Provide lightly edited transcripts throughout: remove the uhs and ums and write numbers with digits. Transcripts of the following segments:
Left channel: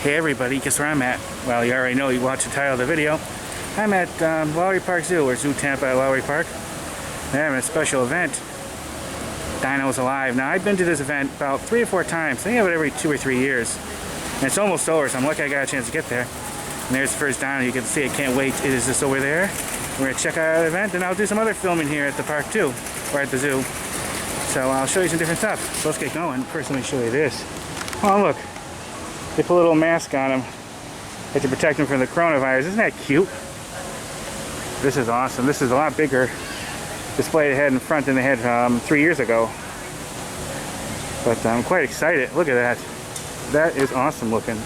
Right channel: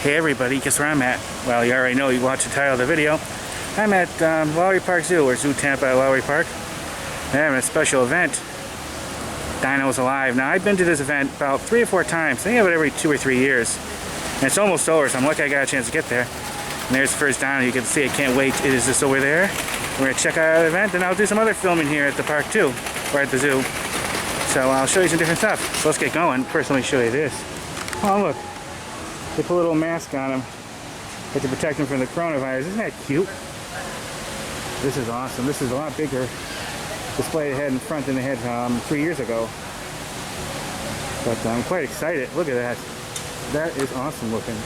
Hey everybody, guess where I'm at? Well, you already know, you watched the title of the video. I'm at Lowry Park Zoo, or Zoo Tampa at Lowry Park. They're having a special event, Dinos Alive. Now, I've been to this event about 3 or 4 times. They have it every 2 or 3 years. And it's almost over, so I'm lucky I got a chance to get there. And there's the first dino. You can see, I can't wait. It is just over there. We're going to check out the event, and I'll do some other filming here at the park too, or at the zoo. So I'll show you some different stuff. So let's get going. First, let me show you this. Oh, look. They put a little mask on them to protect them from the coronavirus. Isn't that cute? This is awesome. This is a lot bigger display they had in front than they had 3 years ago. But I'm quite excited. Look at that. That is awesome looking.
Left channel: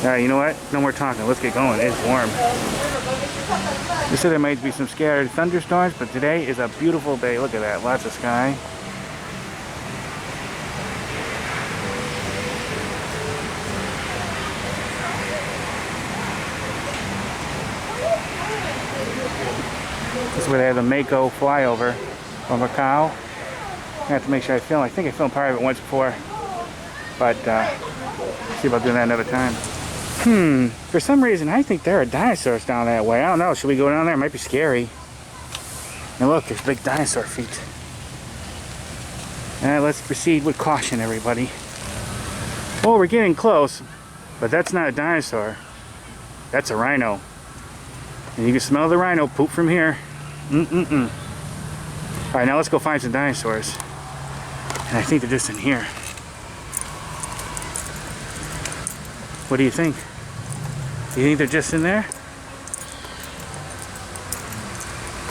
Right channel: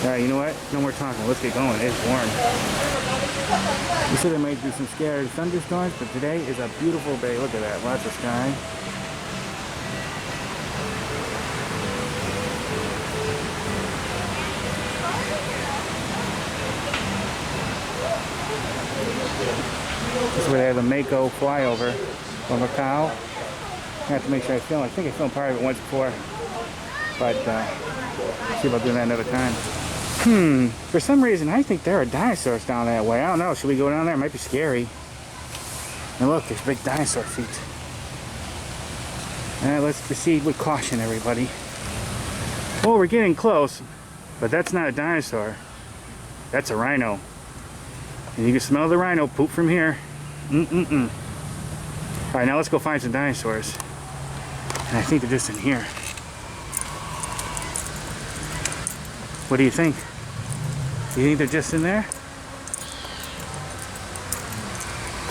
Alright, you know what? No more talking. Let's get going. It's warm. You said there might be some scattered thunderstorms, but today is a beautiful day. Look at that. Lots of sky. This is where they have the Mako flyover from Macau. I have to make sure I film. I think I filmed part of it once before, but see about doing that another time. For some reason I think there are dinosaurs down that way. I don't know. Should we go down there? It might be scary. And look, there's big dinosaur feet. Alright, let's proceed with caution, everybody. Oh, we're getting close, but that's not a dinosaur. That's a rhino. And you can smell the rhino poop from here. Alright, now let's go find some dinosaurs. And I think they're just in here. What do you think? Do you think they're just in there?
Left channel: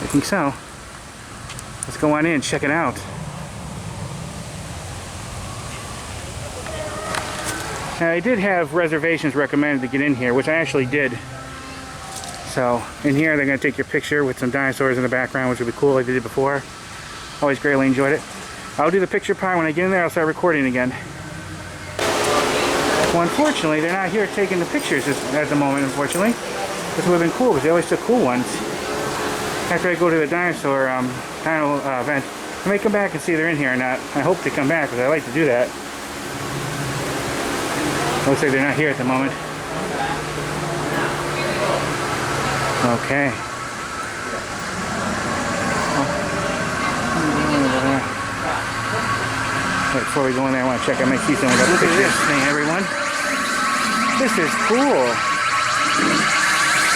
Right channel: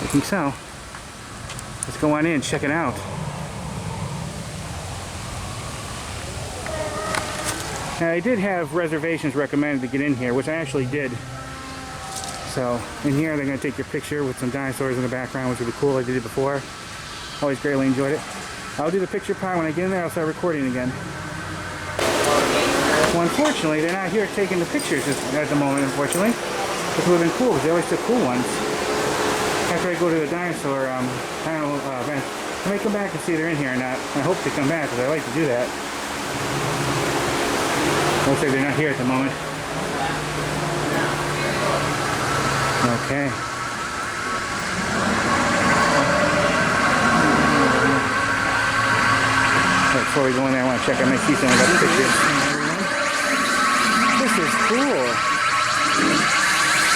I think so. Let's go on in and check it out. Now, I did have reservations recommended to get in here, which I actually did. So, in here they're going to take your picture with some dinosaurs in the background, which would be cool like they did before. Always greatly enjoyed it. I'll do the picture part. When I get in there, I'll start recording again. Well, unfortunately, they're not here taking the pictures at the moment, unfortunately. This would have been cool, because they always took cool ones. After I go to the dinosaur dino event, I may come back and see if they're in here or not. I hope they come back, because I like to do that. Looks like they're not here at the moment. Okay. Right, before we go in there, I want to check. I might see someone got the pictures. Hey, everyone. This is cool.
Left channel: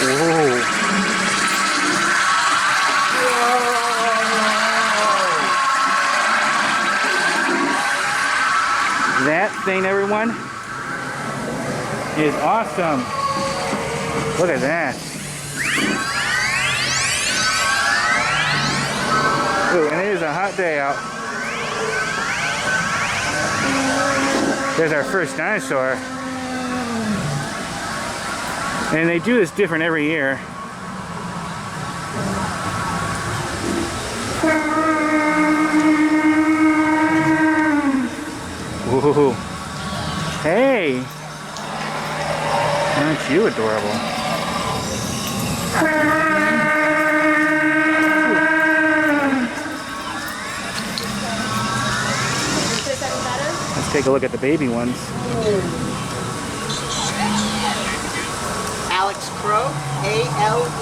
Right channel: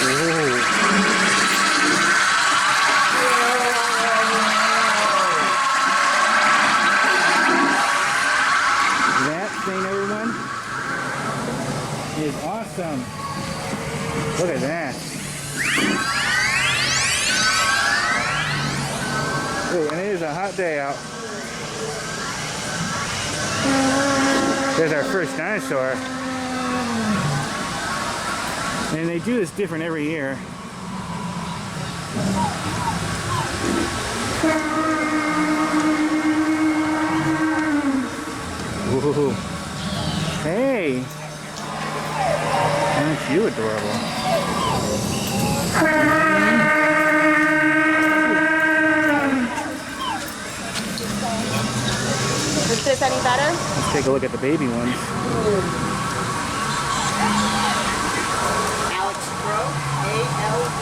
Whoa. That thing, everyone, is awesome. Look at that. Ooh, and it is a hot day out. There's our first dinosaur. And they do this different every year. Ooh. Hey! Aren't you adorable? Is this any better? Let's take a look at the baby ones. Alex Crow, ALEXCROW.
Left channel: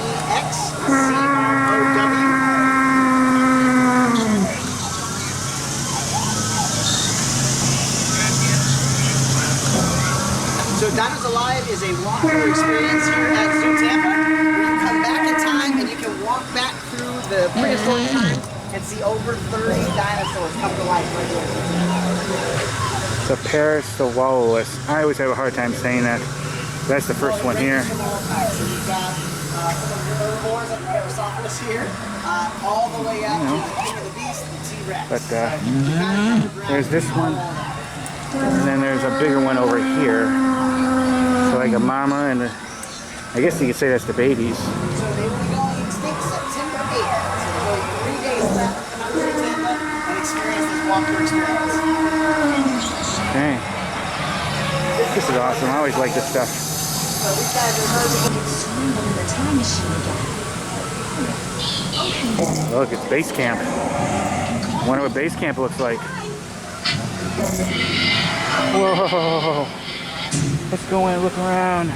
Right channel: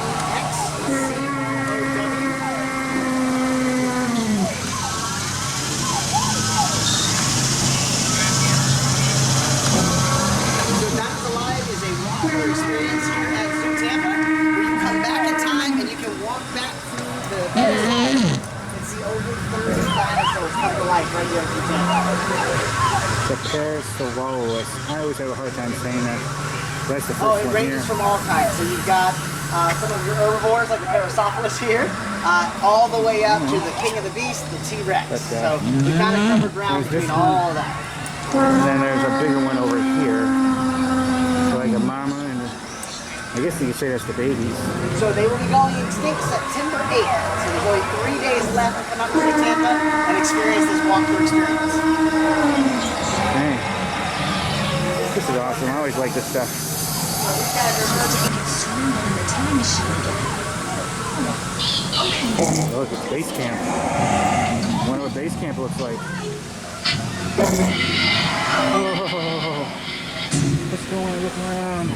So Dinos Alive is a walkthrough experience here at Zoo Tampa, where you come back in time and you can walk back through the prehistoric and see over 30 dinosaurs come to life right here at Zoo Tampa. The Parasaurolophus. I always have a hard time saying that. That's the first one here. It ranges from all kinds. So you've got some of your herbivores like the Parasaurolophus here, all the way up to the King of the Beast, the T-Rex. But, so you kind of cover ground there's this between one. all that. And then there's a bigger one over here. So like a mama and I guess you could say that's the babies. So they will be going extinct September 8th. So there's only 3 days left to come out to Zoo Tampa and experience this walkthrough experience. Okay. This is awesome. I always like this stuff. So these guys are Swing on the time machine again. Look, it's base camp. I wonder what base camp looks like. Whoa. Let's go in and look around.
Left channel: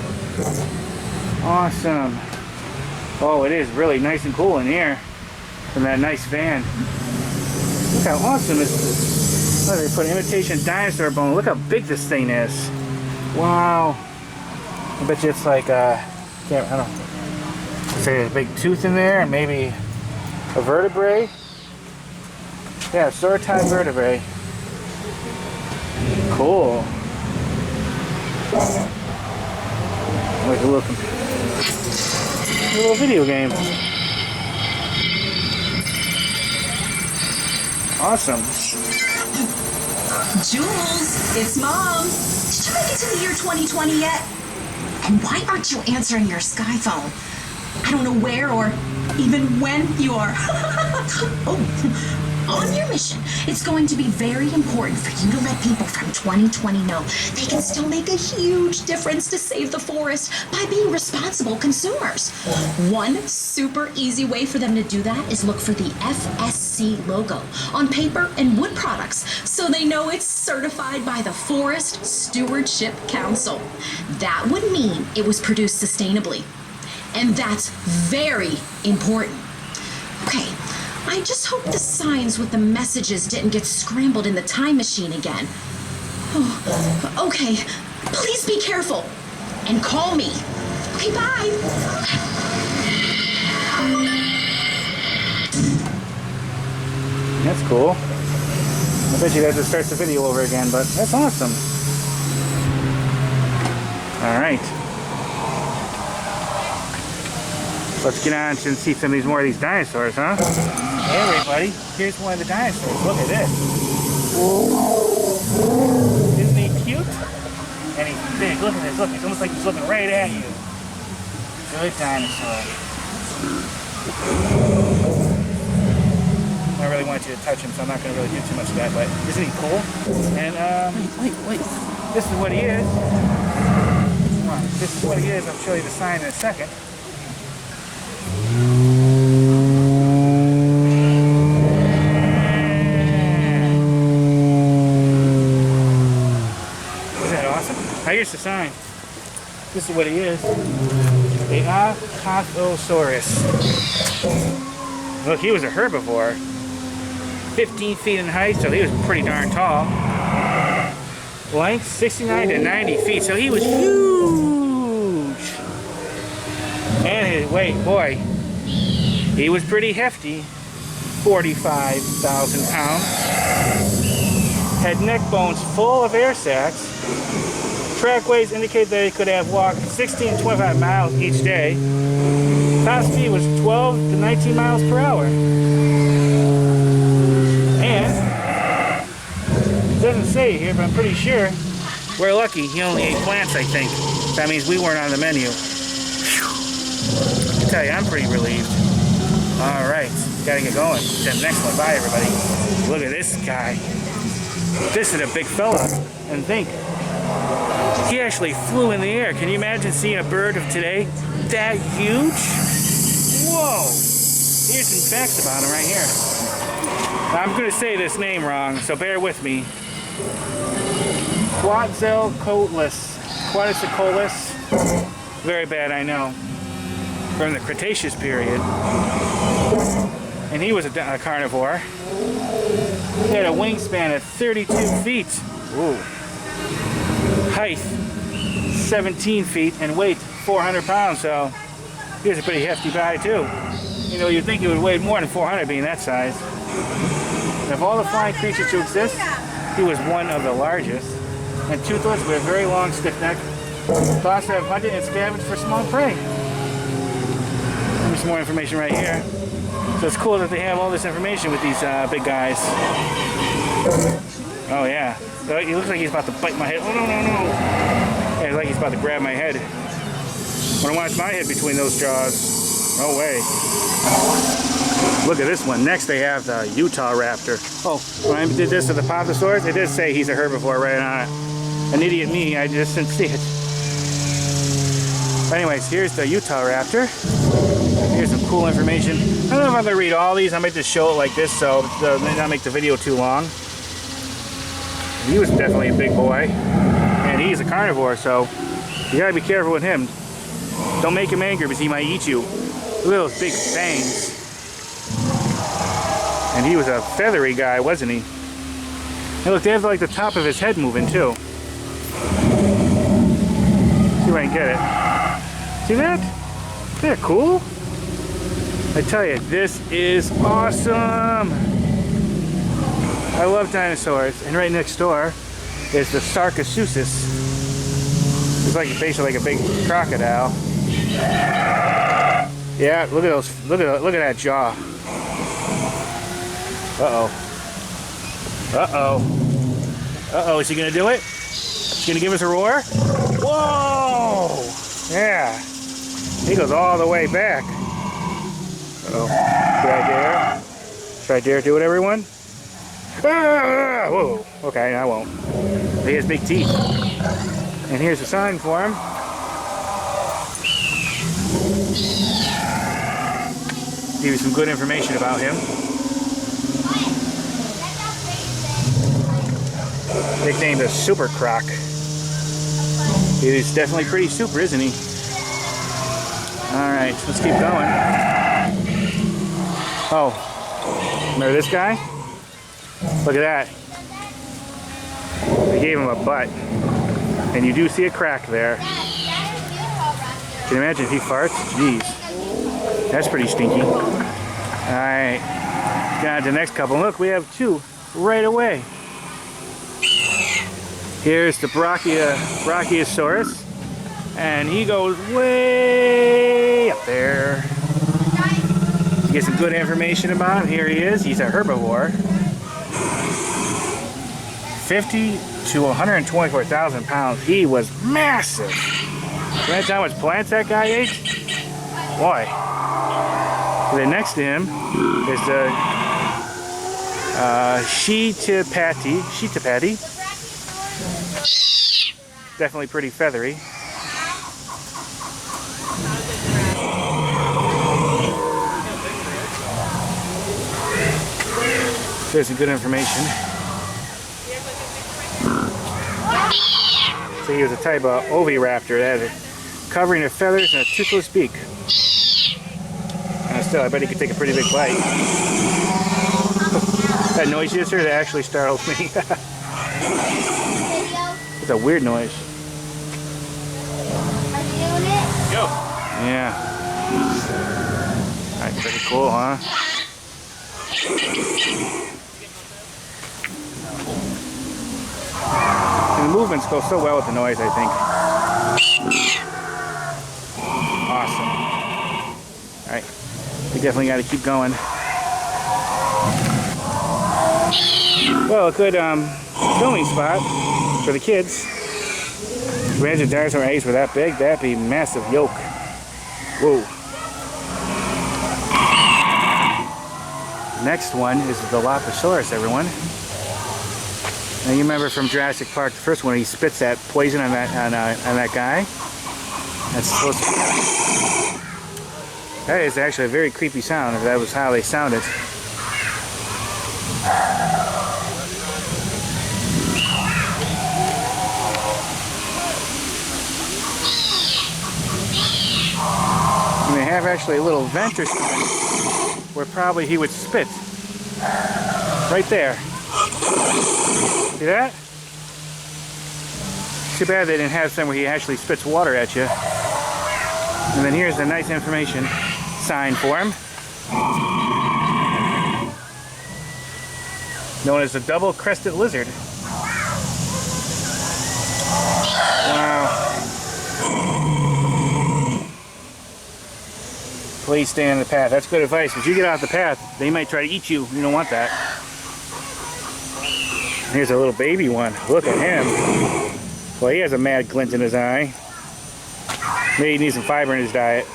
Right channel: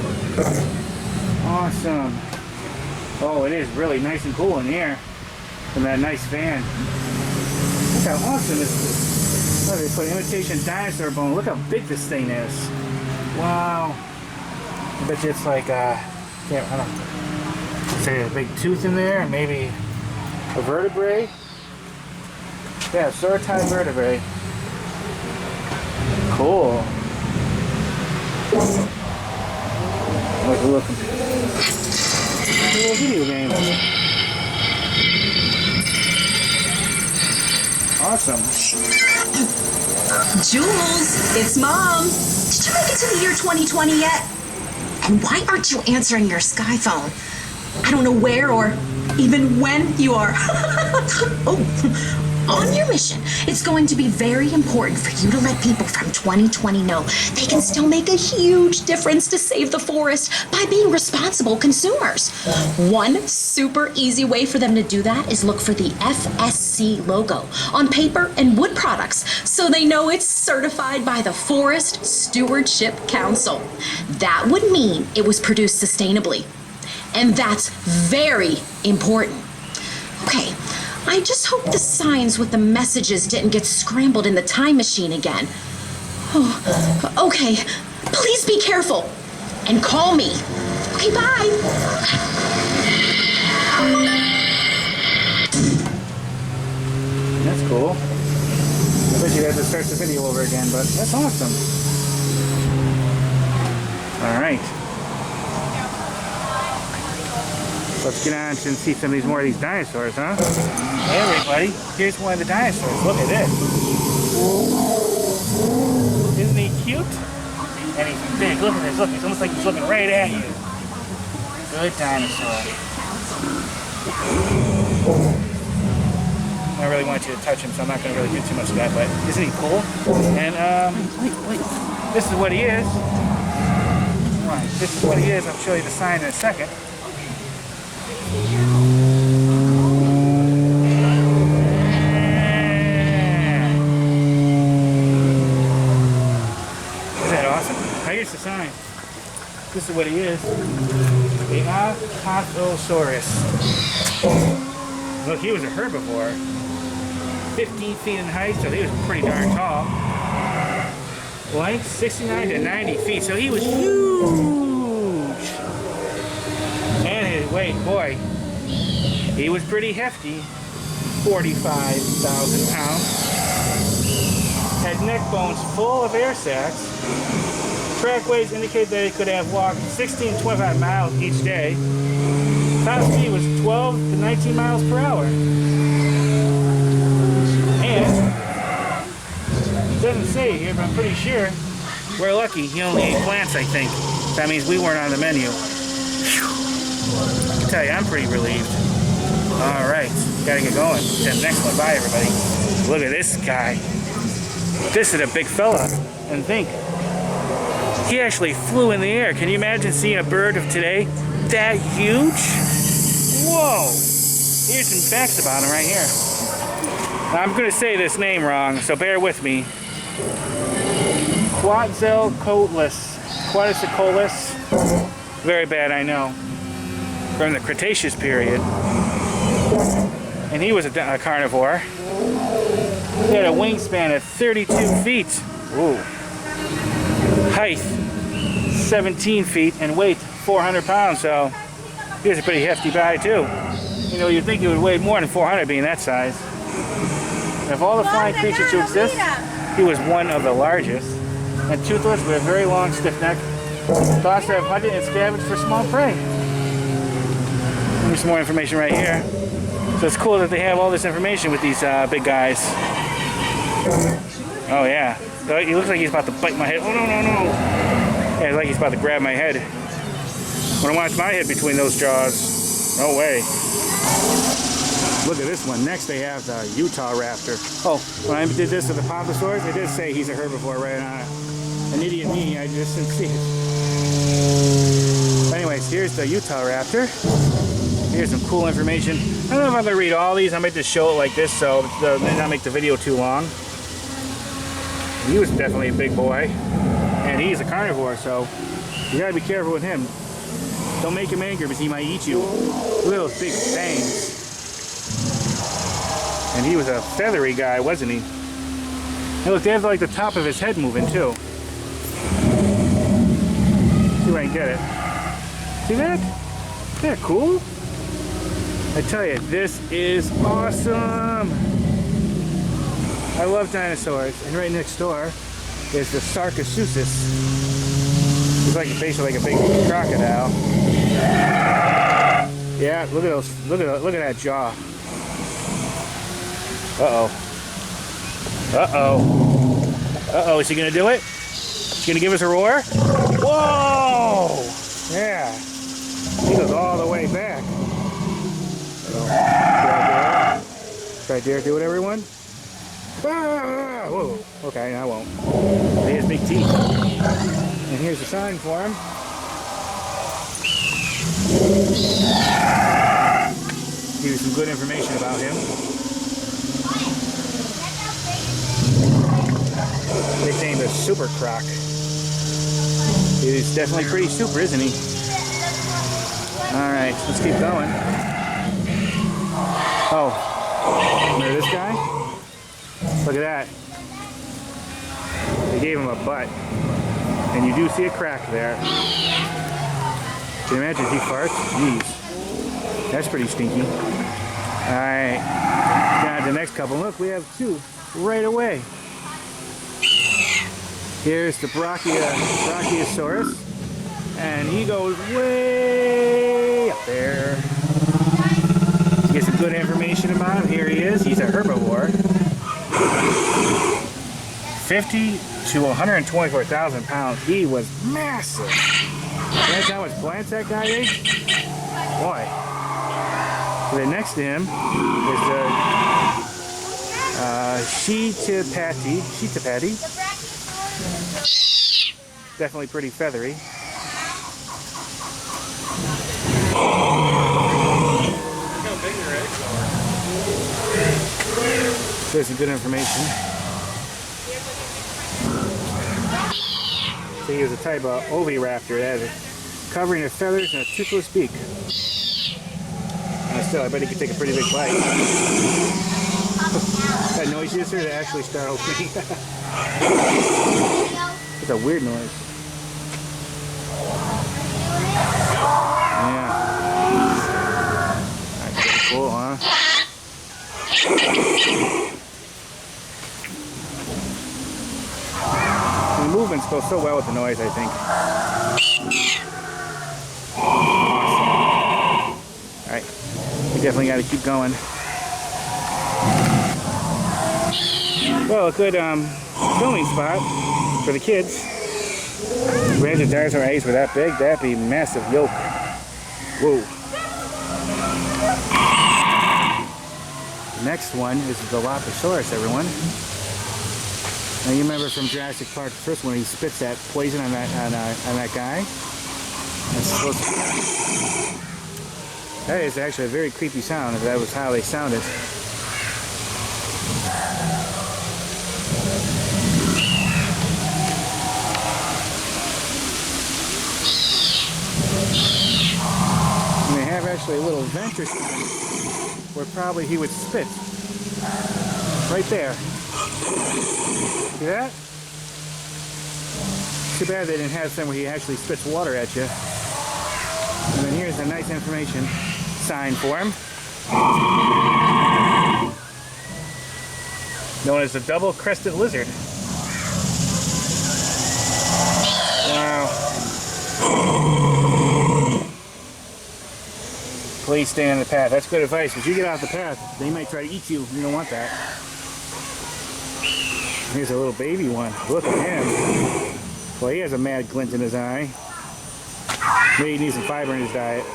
Awesome. Oh, it is really nice and cool in here from that nice van. Look how awesome this is. Look, they put imitation dinosaur bone. Look how big this thing is. Wow. I bet you it's like, I don't know, say a big tooth in there, and maybe a vertebrae. Yeah, sauropod vertebrae. Cool. Like a little video game. Awesome. Jules, it's Mom. Did you make it to the year 2020 yet? And why aren't you answering your Sky phone? I don't know where or even when you are. Oh, on your mission, it's going to be very important for you to let people from 2020 know they can still make a huge difference to save the forest by being responsible consumers. One super easy way for them to do that is look for the FSC logo on paper and wood products so they know it's certified by the Forest Stewardship Council. That would mean it was produced sustainably. And that's very important. Okay. I just hope the signs with the messages didn't get scrambled in the time machine again. Oh, okay. Please be careful. And call me. Okay, bye. That's cool. I bet you have to start the video over again, but that's awesome. Alright. Let's get on and see some of these more of these dinosaurs, huh? Hey everybody, here's one of the dinosaurs. Look at this. Isn't he cute? And he's big. Look at this. Look, it's almost like he's looking right at you. Good dinosaur. I really want you to touch him, so I'm not going to really do too much of that, but isn't he cool? And, wait. This is what he is. Right, this is what he is. I'll show you the sign in a second. Here's the sign. This is what he is. The Apatosaurus. Look, he was a herbivore. 15 feet in height, so he was pretty darn tall. Length, 69 to 90 feet, so he was huge. And his weight, boy, he was pretty hefty. 45,000 pounds. Had neck bones full of air sacs. Trackways indicate that he could have walked 16 to 25 miles each day. Top speed was 12 to 19 miles per hour. And, it doesn't say here, but I'm pretty sure, we're lucky he only ate plants, I think. That means we weren't on the menu. Whew. I tell you, I'm pretty relieved. Alright, gotta get going. To the next one. Bye, everybody. Look at this guy. This is a big fella. And think, he actually flew in the air. Can you imagine seeing a bird of today that huge? Whoa! Here's some facts about him right here. Now, I'm going to say this name wrong, so bear with me. Quetzalcoatlus. Very bad, I know. From the Cretaceous period. And he was a carnivore. He had a wingspan of 32 feet. Ooh. Height 17 feet and weight 400 pounds, so he was a pretty hefty guy too. You know, you'd think he would weigh more than 400 being that size. And of all the flying creatures to exist, he was one of the largest. And toothless with a very long stiff neck. Thought to have hunted and scavenged for small prey. There's some more information right here. So it's cool that they have all this information with these big guys. Oh yeah. He looks like he's about to bite my head. Oh, no. Yeah, it's like he's about to grab my head. Want to watch my head between those jaws. No way. Look at this one. Next they have the Utah raptor. Oh, when I did this to the Apatosaurus, it did say he's a herbivore right on it. An idiot me, I just didn't see it. Anyways, here's the Utah raptor. Here's some cool information. I don't know if I'm going to read all these. I might just show it like this so it may not make the video too long. He was definitely a big boy, and he's a carnivore, so you gotta be careful with him. Don't make him angry because he might eat you. Look at those big fangs. And he was a feathery guy, wasn't he? Hey, look, they have like the top of his head moving too. See if I can get it. See that? Isn't that cool? I tell you, this is awesome. I love dinosaurs. And right next door is the Sarcosuchus. It's like basically like a big crocodile. Yeah, look at those. Look at that jaw. Uh-oh. Uh-oh. Uh-oh, is he gonna do it? Is he gonna give us a roar? Whoa! Yeah. He goes all the way back. Uh-oh. Should I dare do it, everyone? Ah! Whoa. Okay, I won't. He has big teeth. And here's a sign for him. Give you some good information about him. Nicknamed the Super Croc. He's definitely pretty super, isn't he? Alright, let's keep going. Oh, remember this guy? Look at that. They gave him a butt. And you do see a crack there. Can you imagine if he farts? Jeez. That's pretty stinky. Alright. Got the next couple. Look, we have two right away. Here's the Brachiosaurus. And he goes way up there. To get some good information about him, here he is. He's a herbivore. 50 to 124,000 pounds. He was massive. Can I tell how much plants that guy ate? Boy. And then next to him is the Chaetapati. Definitely pretty feathery. There's some good information. So he was a type of oviraptor that had a covering of feathers and a toothless beak. Still, I bet he could take a pretty big bite. That noise you just heard, that actually startled me. It's a weird noise. Yeah. That's pretty cool, huh? And the movements go so well with the noise, I think. Awesome. Alright. We definitely got to keep going. Well, a good filming spot for the kids. Imagine dinosaur eggs were that big, that'd be massive yolk. Whoa. Next one is the Dilophosaurus, everyone. Now you remember from Jurassic Park, the first one, he spits that poison on that guy. That's supposed to be. That is actually a very creepy sound, if that was how they sounded. And they have actually a little vent or something where probably he would spit. Right there. See that? Too bad they didn't have somewhere he actually spits water at you. And then here's the nice information sign for him. Known as the double-crested lizard. Wow. Please stay on the path. That's good advice. If you get off the path, they might try to eat you. You don't want that. Here's a little baby one. Look at him. Well, he has a mad glint in his eye. Maybe he needs some fiber in his diet.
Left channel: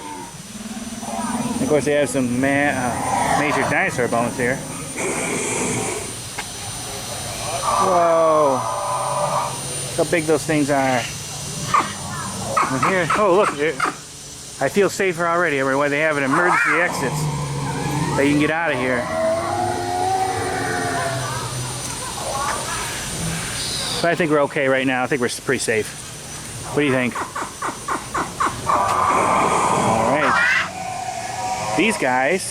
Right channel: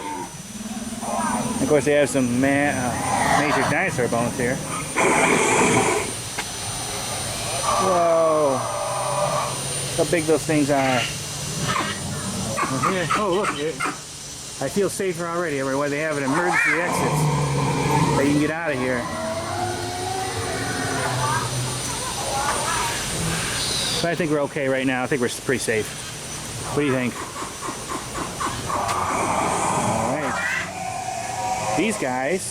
And of course, they have some major dinosaur bones here. Whoa! Look how big those things are. And here, oh look! I feel safer already. Everywhere they have an emergency exits that you can get out of here. But I think we're okay right now. I think we're pretty safe. What do you think? Alright. These guys,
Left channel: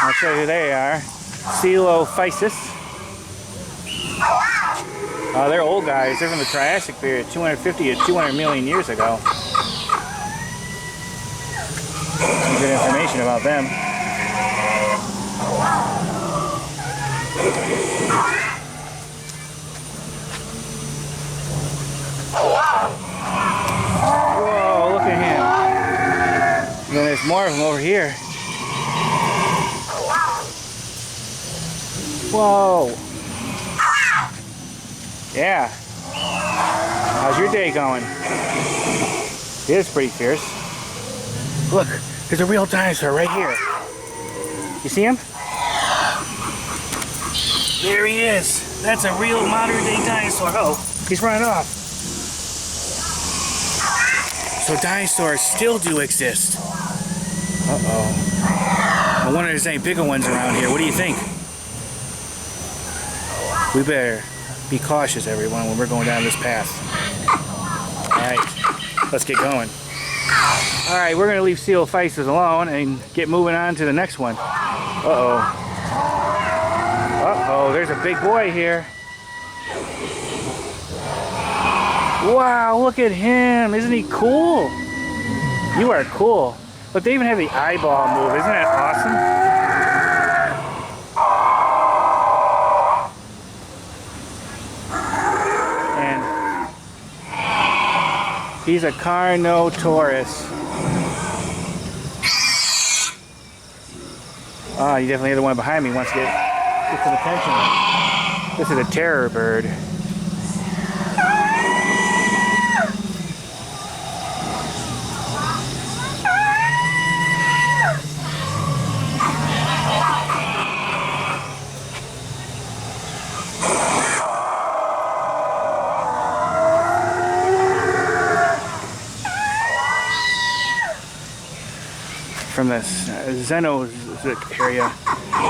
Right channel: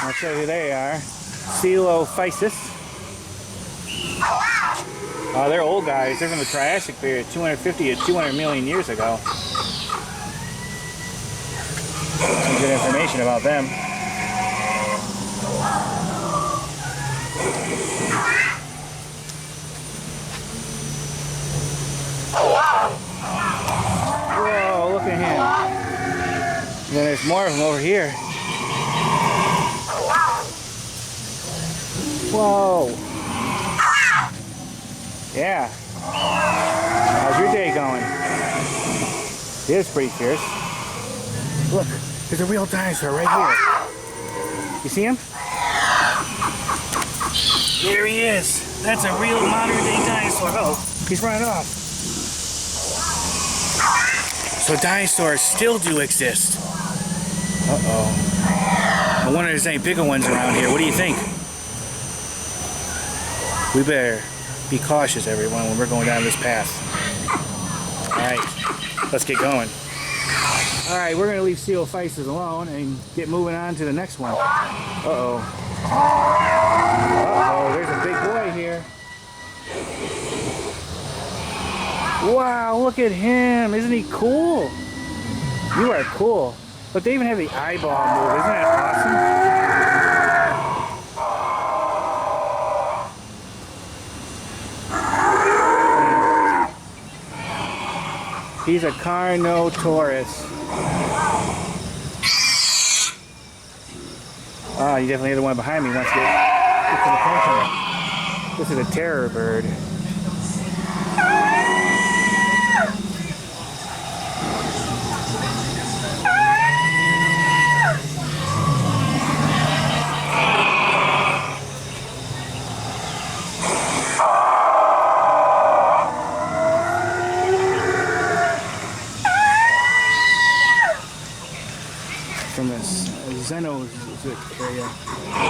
I'll show you who they are. Coelophysis. They're old guys. They're from the Triassic period, 250 to 200 million years ago. Some good information about them. Whoa, look at him. And then there's more of them over here. Whoa. Yeah. How's your day going? It is pretty fierce. Look, there's a real dinosaur right here. You see him? There he is. That's a real modern day dinosaur. Oh, he's running off. So dinosaurs still do exist. Uh-oh. I wonder if there's any bigger ones around here. What do you think? We better be cautious, everyone, when we're going down this path. Alright, let's get going. Alright, we're going to leave Coelophysis alone and get moving on to the next one. Uh-oh. Uh-oh, there's a big boy here. Wow, look at him. Isn't he cool? You are cool. Look, they even have the eyeball move. Isn't that awesome? And he's a Carnotaurus. Oh, you definitely hear the one behind me wants to get some attention. This is a terror bird. From this Cenozoic area.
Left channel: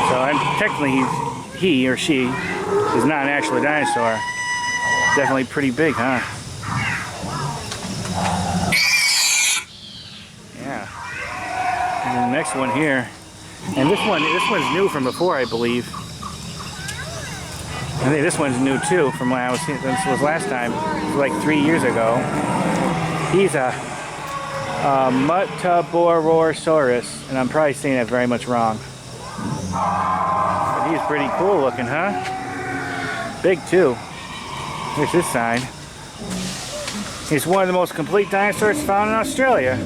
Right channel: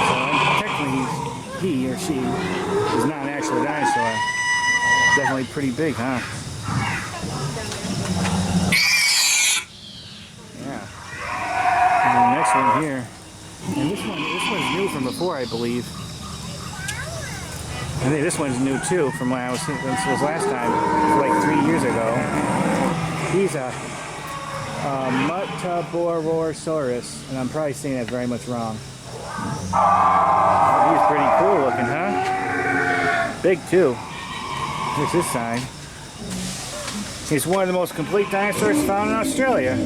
So technically he or she is not actually a dinosaur. Definitely pretty big, huh? Yeah. And then the next one here. And this one's new from before, I believe. I think this one's new too from when I was here. This was last time, like 3 years ago. He's a Muttaburrasaurus, and I'm probably saying that very much wrong. But he's pretty cool looking, huh? Big too. Here's his sign. He's one of the most complete dinosaurs found in Australia.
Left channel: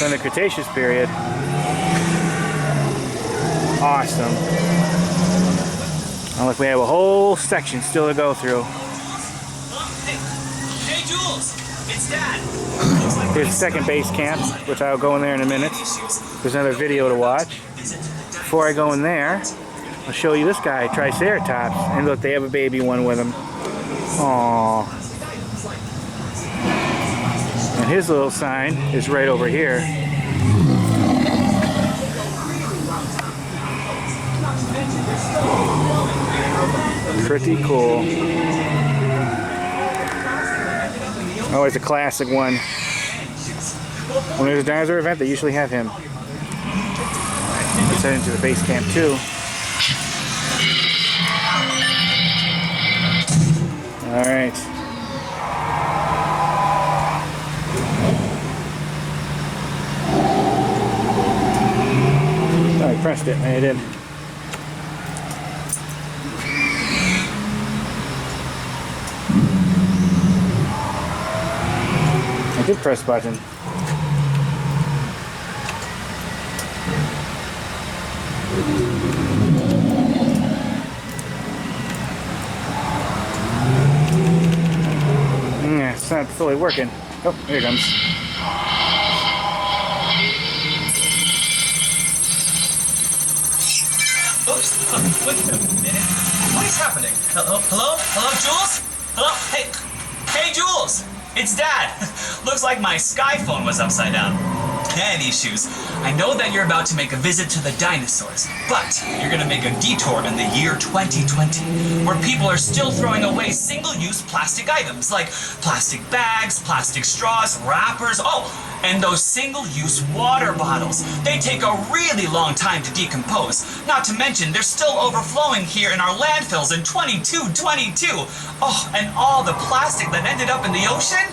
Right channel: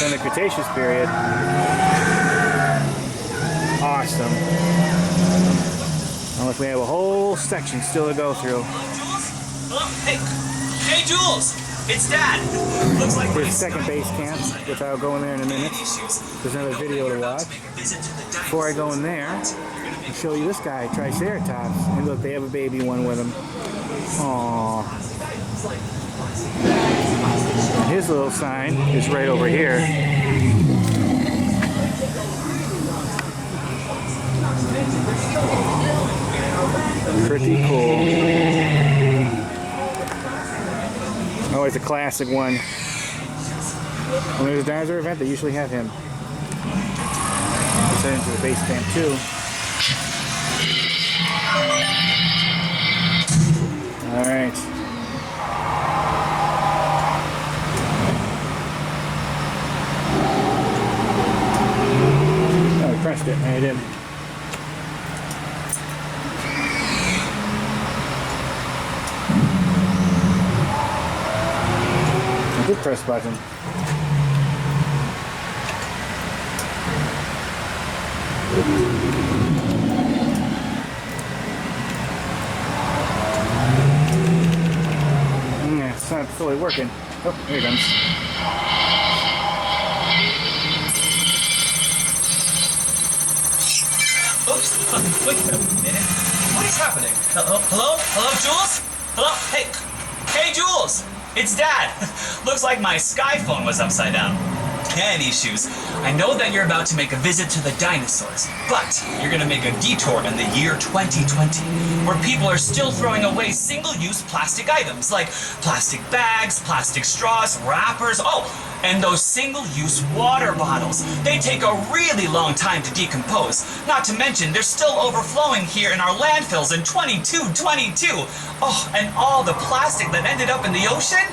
From the Cretaceous period. Awesome. And look, we have a whole section still to go through. Hey, Jules! It's Dad! Looks like Here's second base camp, which I'll go in there in a minute. There's another video to watch. Before I go in there, I'll show you this guy, Triceratops. And look, they have a baby one with him. Aww. And his little sign is right over here. Pretty cool. Always a classic one. When there's a dinosaur event, they usually have him. Let's head into the base camp too. Alright. Oh, I pressed it. I did. I did press button. Yeah, it's not fully working. Oh, here it comes. Oops. Wait a minute. What is happening? Hello? Hello? Hello, Jules? Hello? Hey. Hey, Jules! It's Dad! Looks like my Sky phone was upside down. Man, these shoes. I know that you're about to make a visit to the dinosaurs, but you're gonna make a detour in the year 2020, where people are still throwing away single-use plastic items like plastic bags, plastic straws, wrappers, and those single-use water bottles. They take a really long time to decompose. Not to mention, they're still overflowing here in our landfills in 2222. Oh, and all the plastic that ended up in the ocean?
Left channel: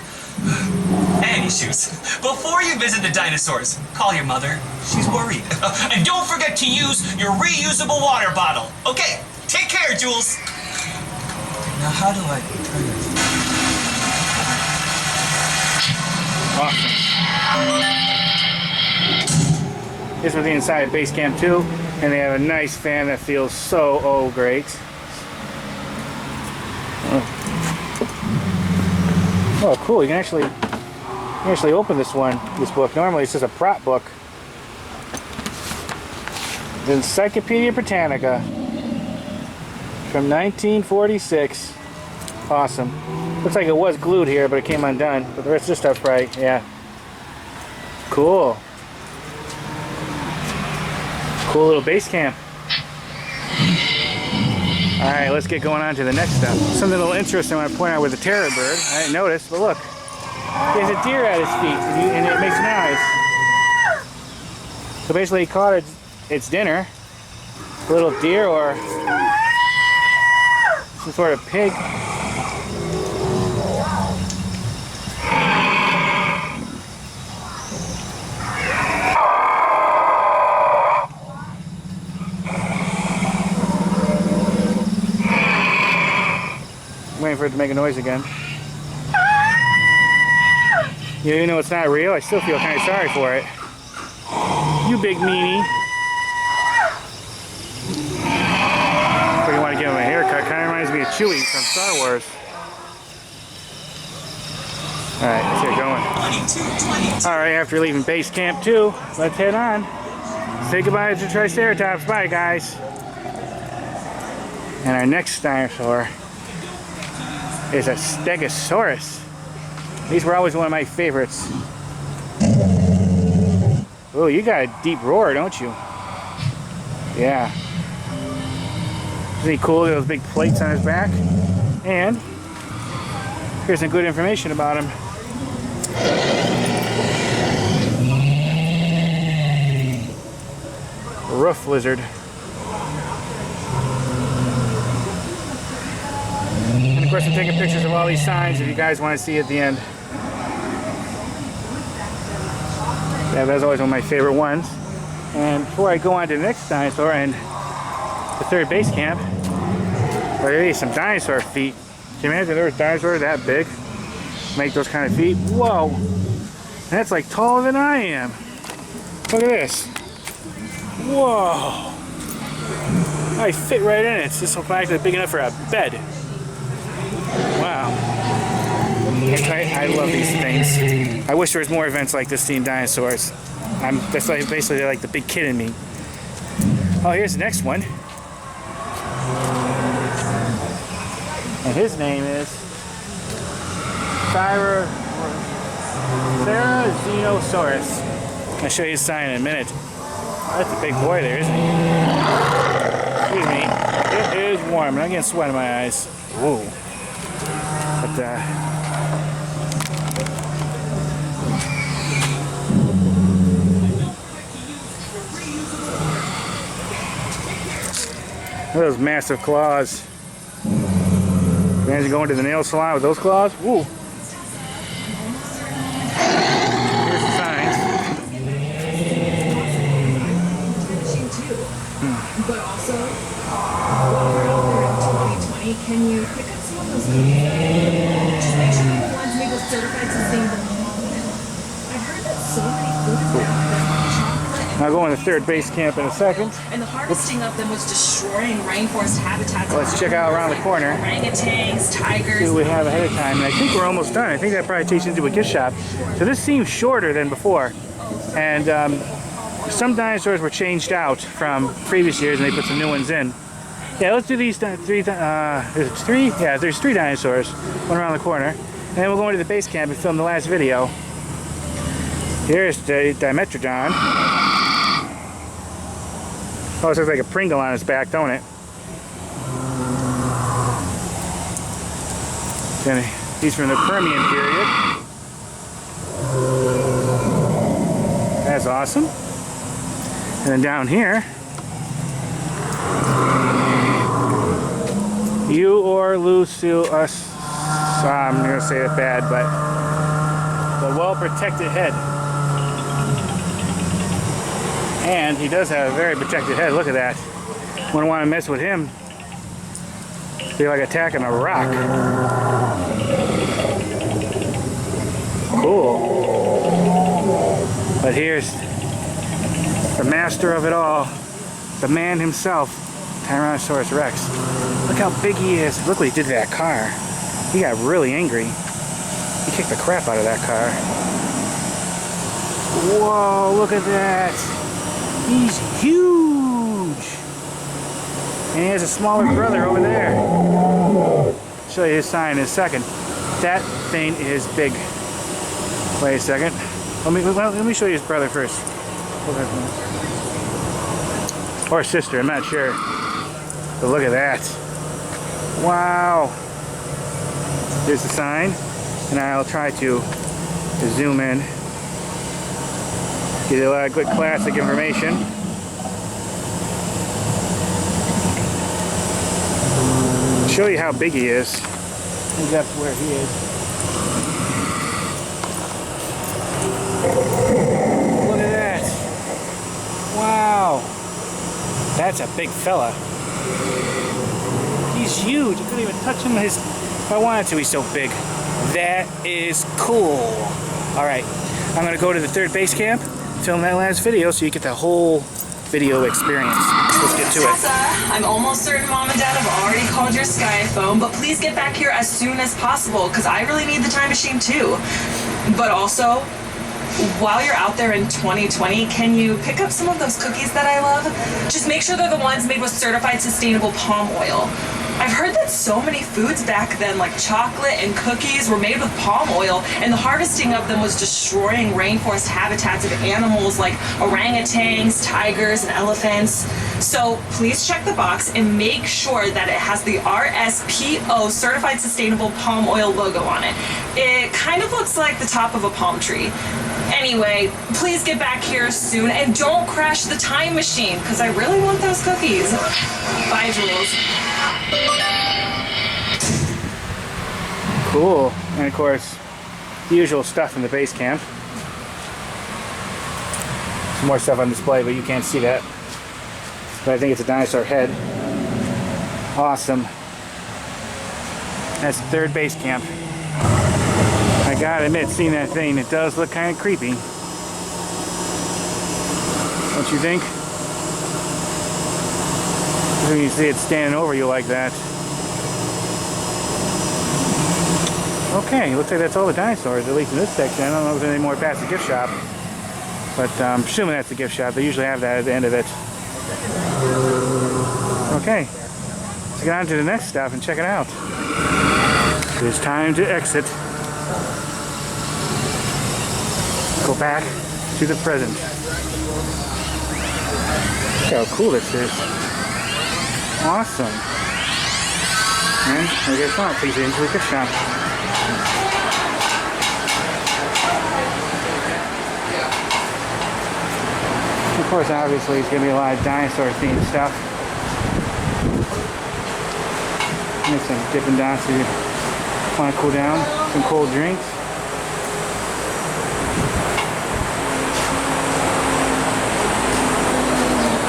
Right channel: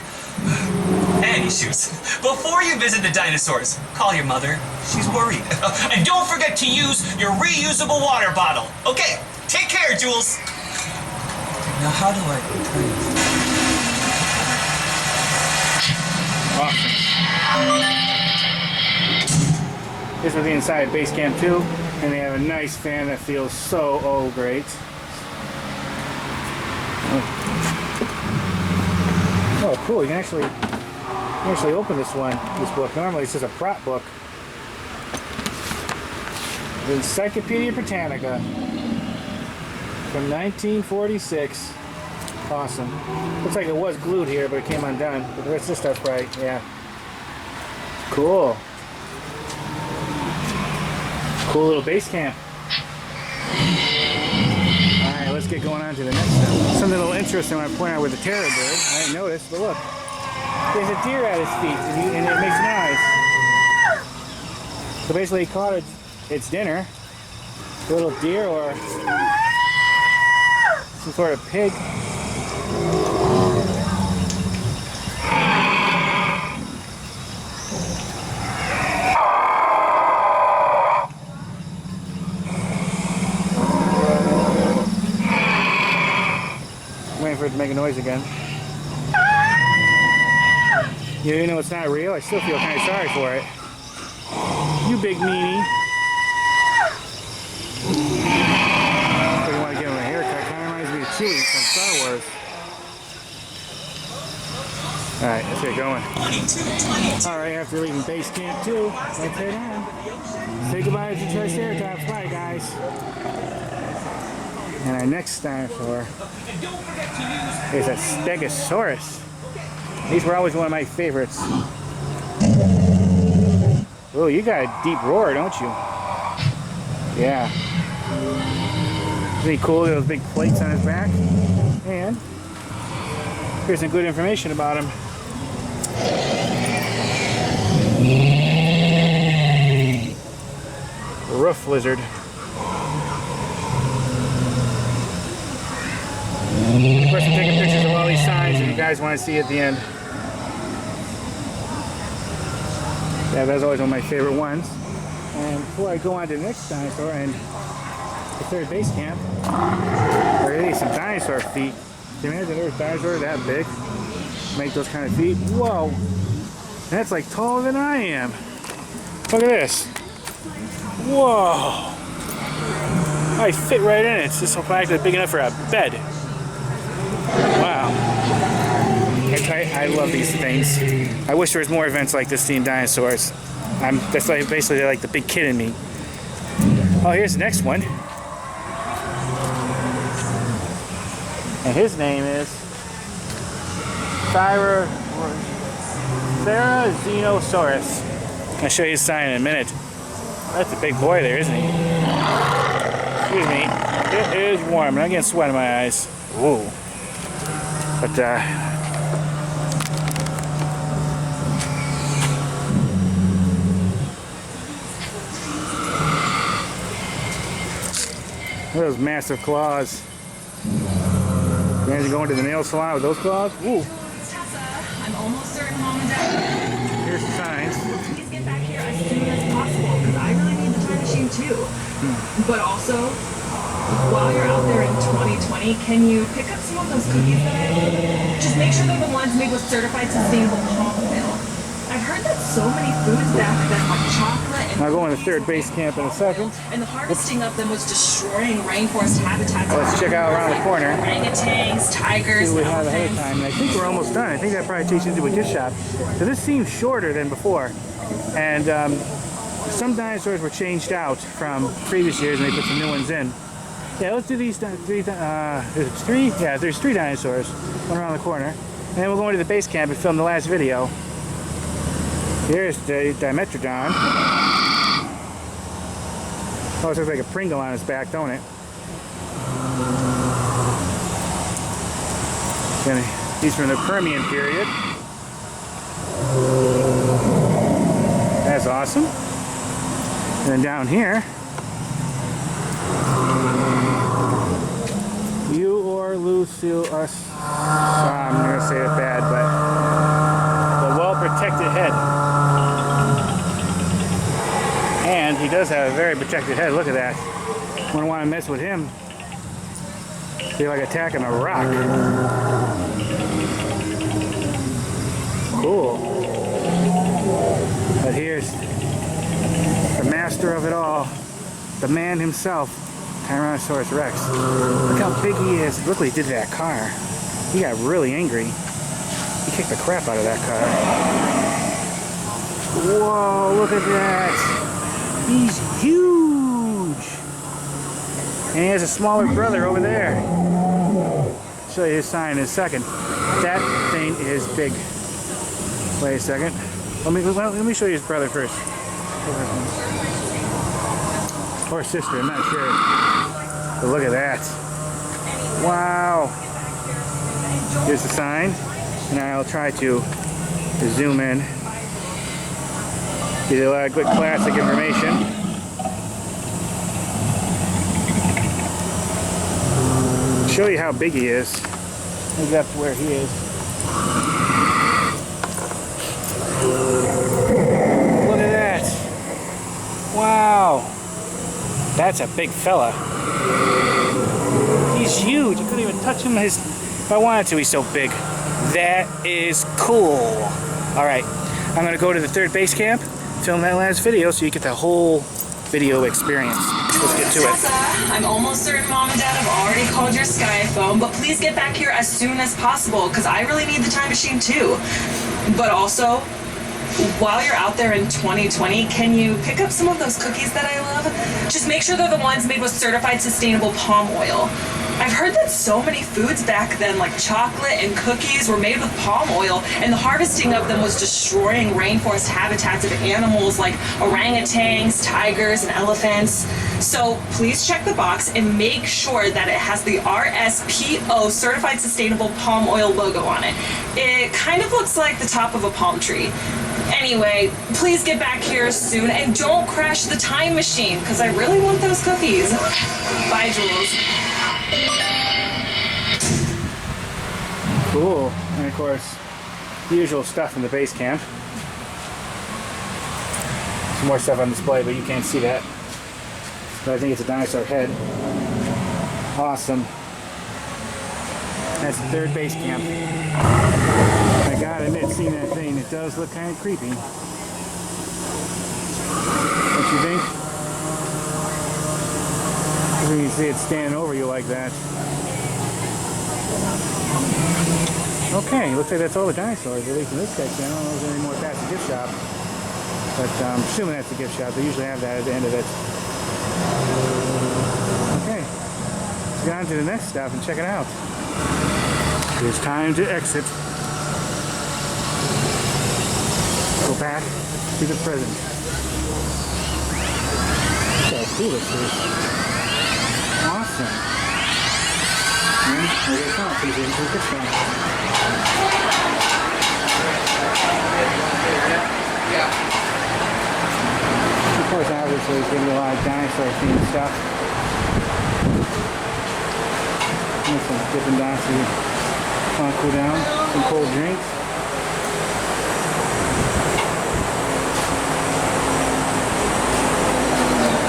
Any shoes. Before you visit the dinosaurs, call your mother. She's worried. And don't forget to use your reusable water bottle. Okay, take care, Jules. Now, how do I turn it? Awesome. This was the inside of Base Camp 2, and they have a nice fan that feels so great. Oh, cool! You can actually open this book. Normally it's just a prop book. The Encyclopedia Britannica from 1946. Awesome. Looks like it was glued here, but it came undone. But the rest of the stuff's right. Yeah. Cool. Cool little base camp. Alright, let's get going on to the next step. Something a little interesting I want to point out with the terror bird. I didn't notice, but look. There's a deer at his feet, and it makes noise. So basically he caught its dinner. A little deer or some sort of pig. Waiting for it to make a noise again. You know it's not real. I still feel kind of sorry for it. You big meanie. So you want to give him a haircut. Kind of reminds me of Chewie from Star Wars. Alright, let's get going. Alright, after leaving Base Camp 2, let's head on. Say goodbye to the Triceratops. Bye, guys. And our next dinosaur is a Stegosaurus. These were always one of my favorites. Oh, you got a deep roar, don't you? Yeah. Isn't he cool? Those big plates on his back. And here's some good information about him. Roof lizard. Of course, I'm taking pictures of all these signs if you guys want to see at the end. Yeah, that's always one of my favorite ones. And before I go on to the next dinosaur and the third base camp, look at these, some dinosaur feet. Can you imagine there was dinosaurs that big? Make those kind of feet? Whoa! That's like taller than I am. Look at this. Whoa! I fit right in it. It's just actually big enough for a bed. Wow. I love these things. I wish there was more events like this themed dinosaurs. That's like basically they're like the big kid in me. Oh, here's the next one. And his name is Therizinosaurus. I'll show you his sign in a minute. That's a big boy there, isn't he? Excuse me. It is warm. I'm getting sweat in my eyes. Whoa. But look at those massive claws. Imagine going to the nail salon with those claws. Ooh. Here's the signs. But also, while you're out there in 2020, can you pick up some of those cookies? Just make sure they're the ones made with certified sustainable palm oil. I've heard that so many foods now have chocolate and I'll go on the third base camp in a second. and the harvesting of them was destroying rainforest habitats. Let's check out around the corner. Orangutans, tigers. See what we have ahead of time. And I think we're almost done. I think that probably takes you into a gift shop. So this seems shorter than before. And some dinosaurs were changed out from previous years and they put some new ones in. Yeah, let's do these three. There's three? Yeah, there's three dinosaurs. One around the corner. And then we'll go into the base camp and film the last video. Here's the Dimetrodon. Almost looks like a Pringle on his back, don't it? Then he's from the Permian period. That's awesome. And then down here, I'm going to say it bad, but the well-protected head. And he does have a very protected head. Look at that. Wouldn't want to mess with him. Be like attacking a rock. Cool. But here's the master of it all, the man himself, Tyrannosaurus Rex. Look how big he is. Look what he did to that car. He got really angry. He kicked the crap out of that car. Whoa, look at that. He's huge. And he has a smaller brother over there. I'll show you his sign in a second. That thing is big. Wait a second. Let me show you his brother first. Or sister, I'm not sure. But look at that. Wow. Here's the sign. And I'll try to zoom in. Get a lot of good classic information. Show you how big he is. I think that's where he is. Look at that. Wow. That's a big fella. He's huge. I couldn't even touch him if I wanted to. He's so big. That is cool. Alright. I'm going to go to the third base camp, film that last video so you get the whole video experience. Let's get to it. I'm almost certain Mom and Dad have already called your Sky phone, but please get back here as soon as possible because I really need the time machine too. But also, while you're out there in 2020, can you pick up some of those cookies that I love? Just make sure they're the ones made with certified sustainable palm oil. I've heard that so many foods back then, like chocolate and cookies, were made with palm oil, and the harvesting of them was destroying rainforest habitats of animals like orangutans, tigers, and elephants. So please check the box and make sure that it has the RSPO, Certified Sustainable Palm Oil logo on it. It kind of looks like the top of a palm tree. Anyway, please get back here soon and don't crash the time machine because I really want those cookies. Bye, Jules. Cool. And of course, the usual stuff in the base camp. Some more stuff on display, but you can't see that. But I think it's a dinosaur head. Awesome. That's the third base camp. I gotta admit, seeing that thing, it does look kind of creepy. Don't you think? When you see it standing over you like that. Okay, looks like that's all the dinosaurs, at least in this section. I don't know if there's any more past the gift shop. But I'm assuming that's the gift shop. They usually have that at the end of it. Okay, let's get on to the next stop and check it out. It's time to exit. Go back to the present. Look how cool this is. Awesome. And there goes on. Please into the gift shop. Of course, obviously, it's going to be a lot of dinosaur-themed stuff. And some Dippin' Dots if you want to cool down. Some cold drinks.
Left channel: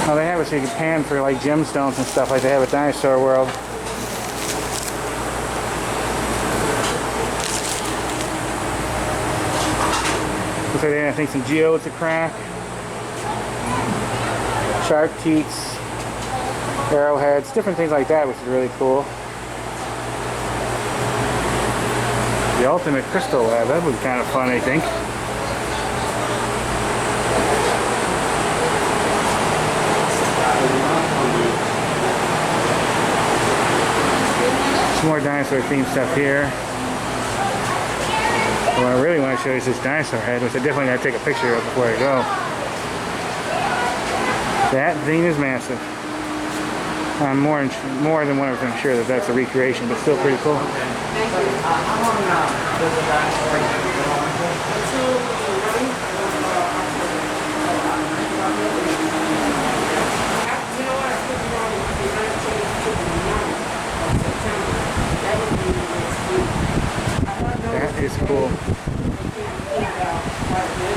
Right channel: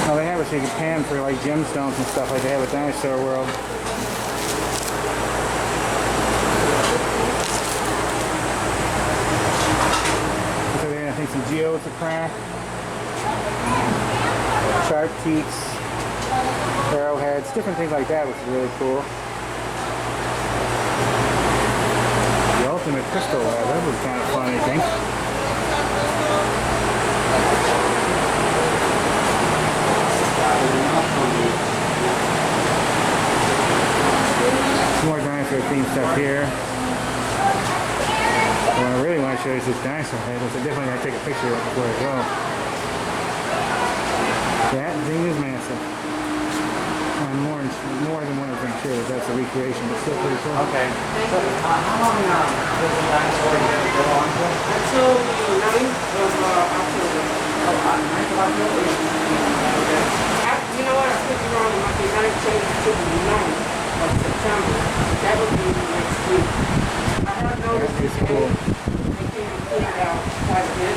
Oh, they have it so you can pan for like gemstones and stuff like they have at Dinosaur World. Looks like they have, I think, some geodes to crack. Shark teats, arrowheads, different things like that, which is really cool. The ultimate crystal lab, that was kind of fun, I think. Some more dinosaur themed stuff here. What I really want to show you is this dinosaur head, which I definitely got to take a picture of before I go. That thing is massive. I'm more than 100% sure that that's a recreation, but still pretty cool. Okay. How long does the dinosaur go on for? Until the 9th of October. You know what? I could be wrong. It might be 19th to the 9th of September. That would be next week. I have no That is cool. I can't figure out quite a bit.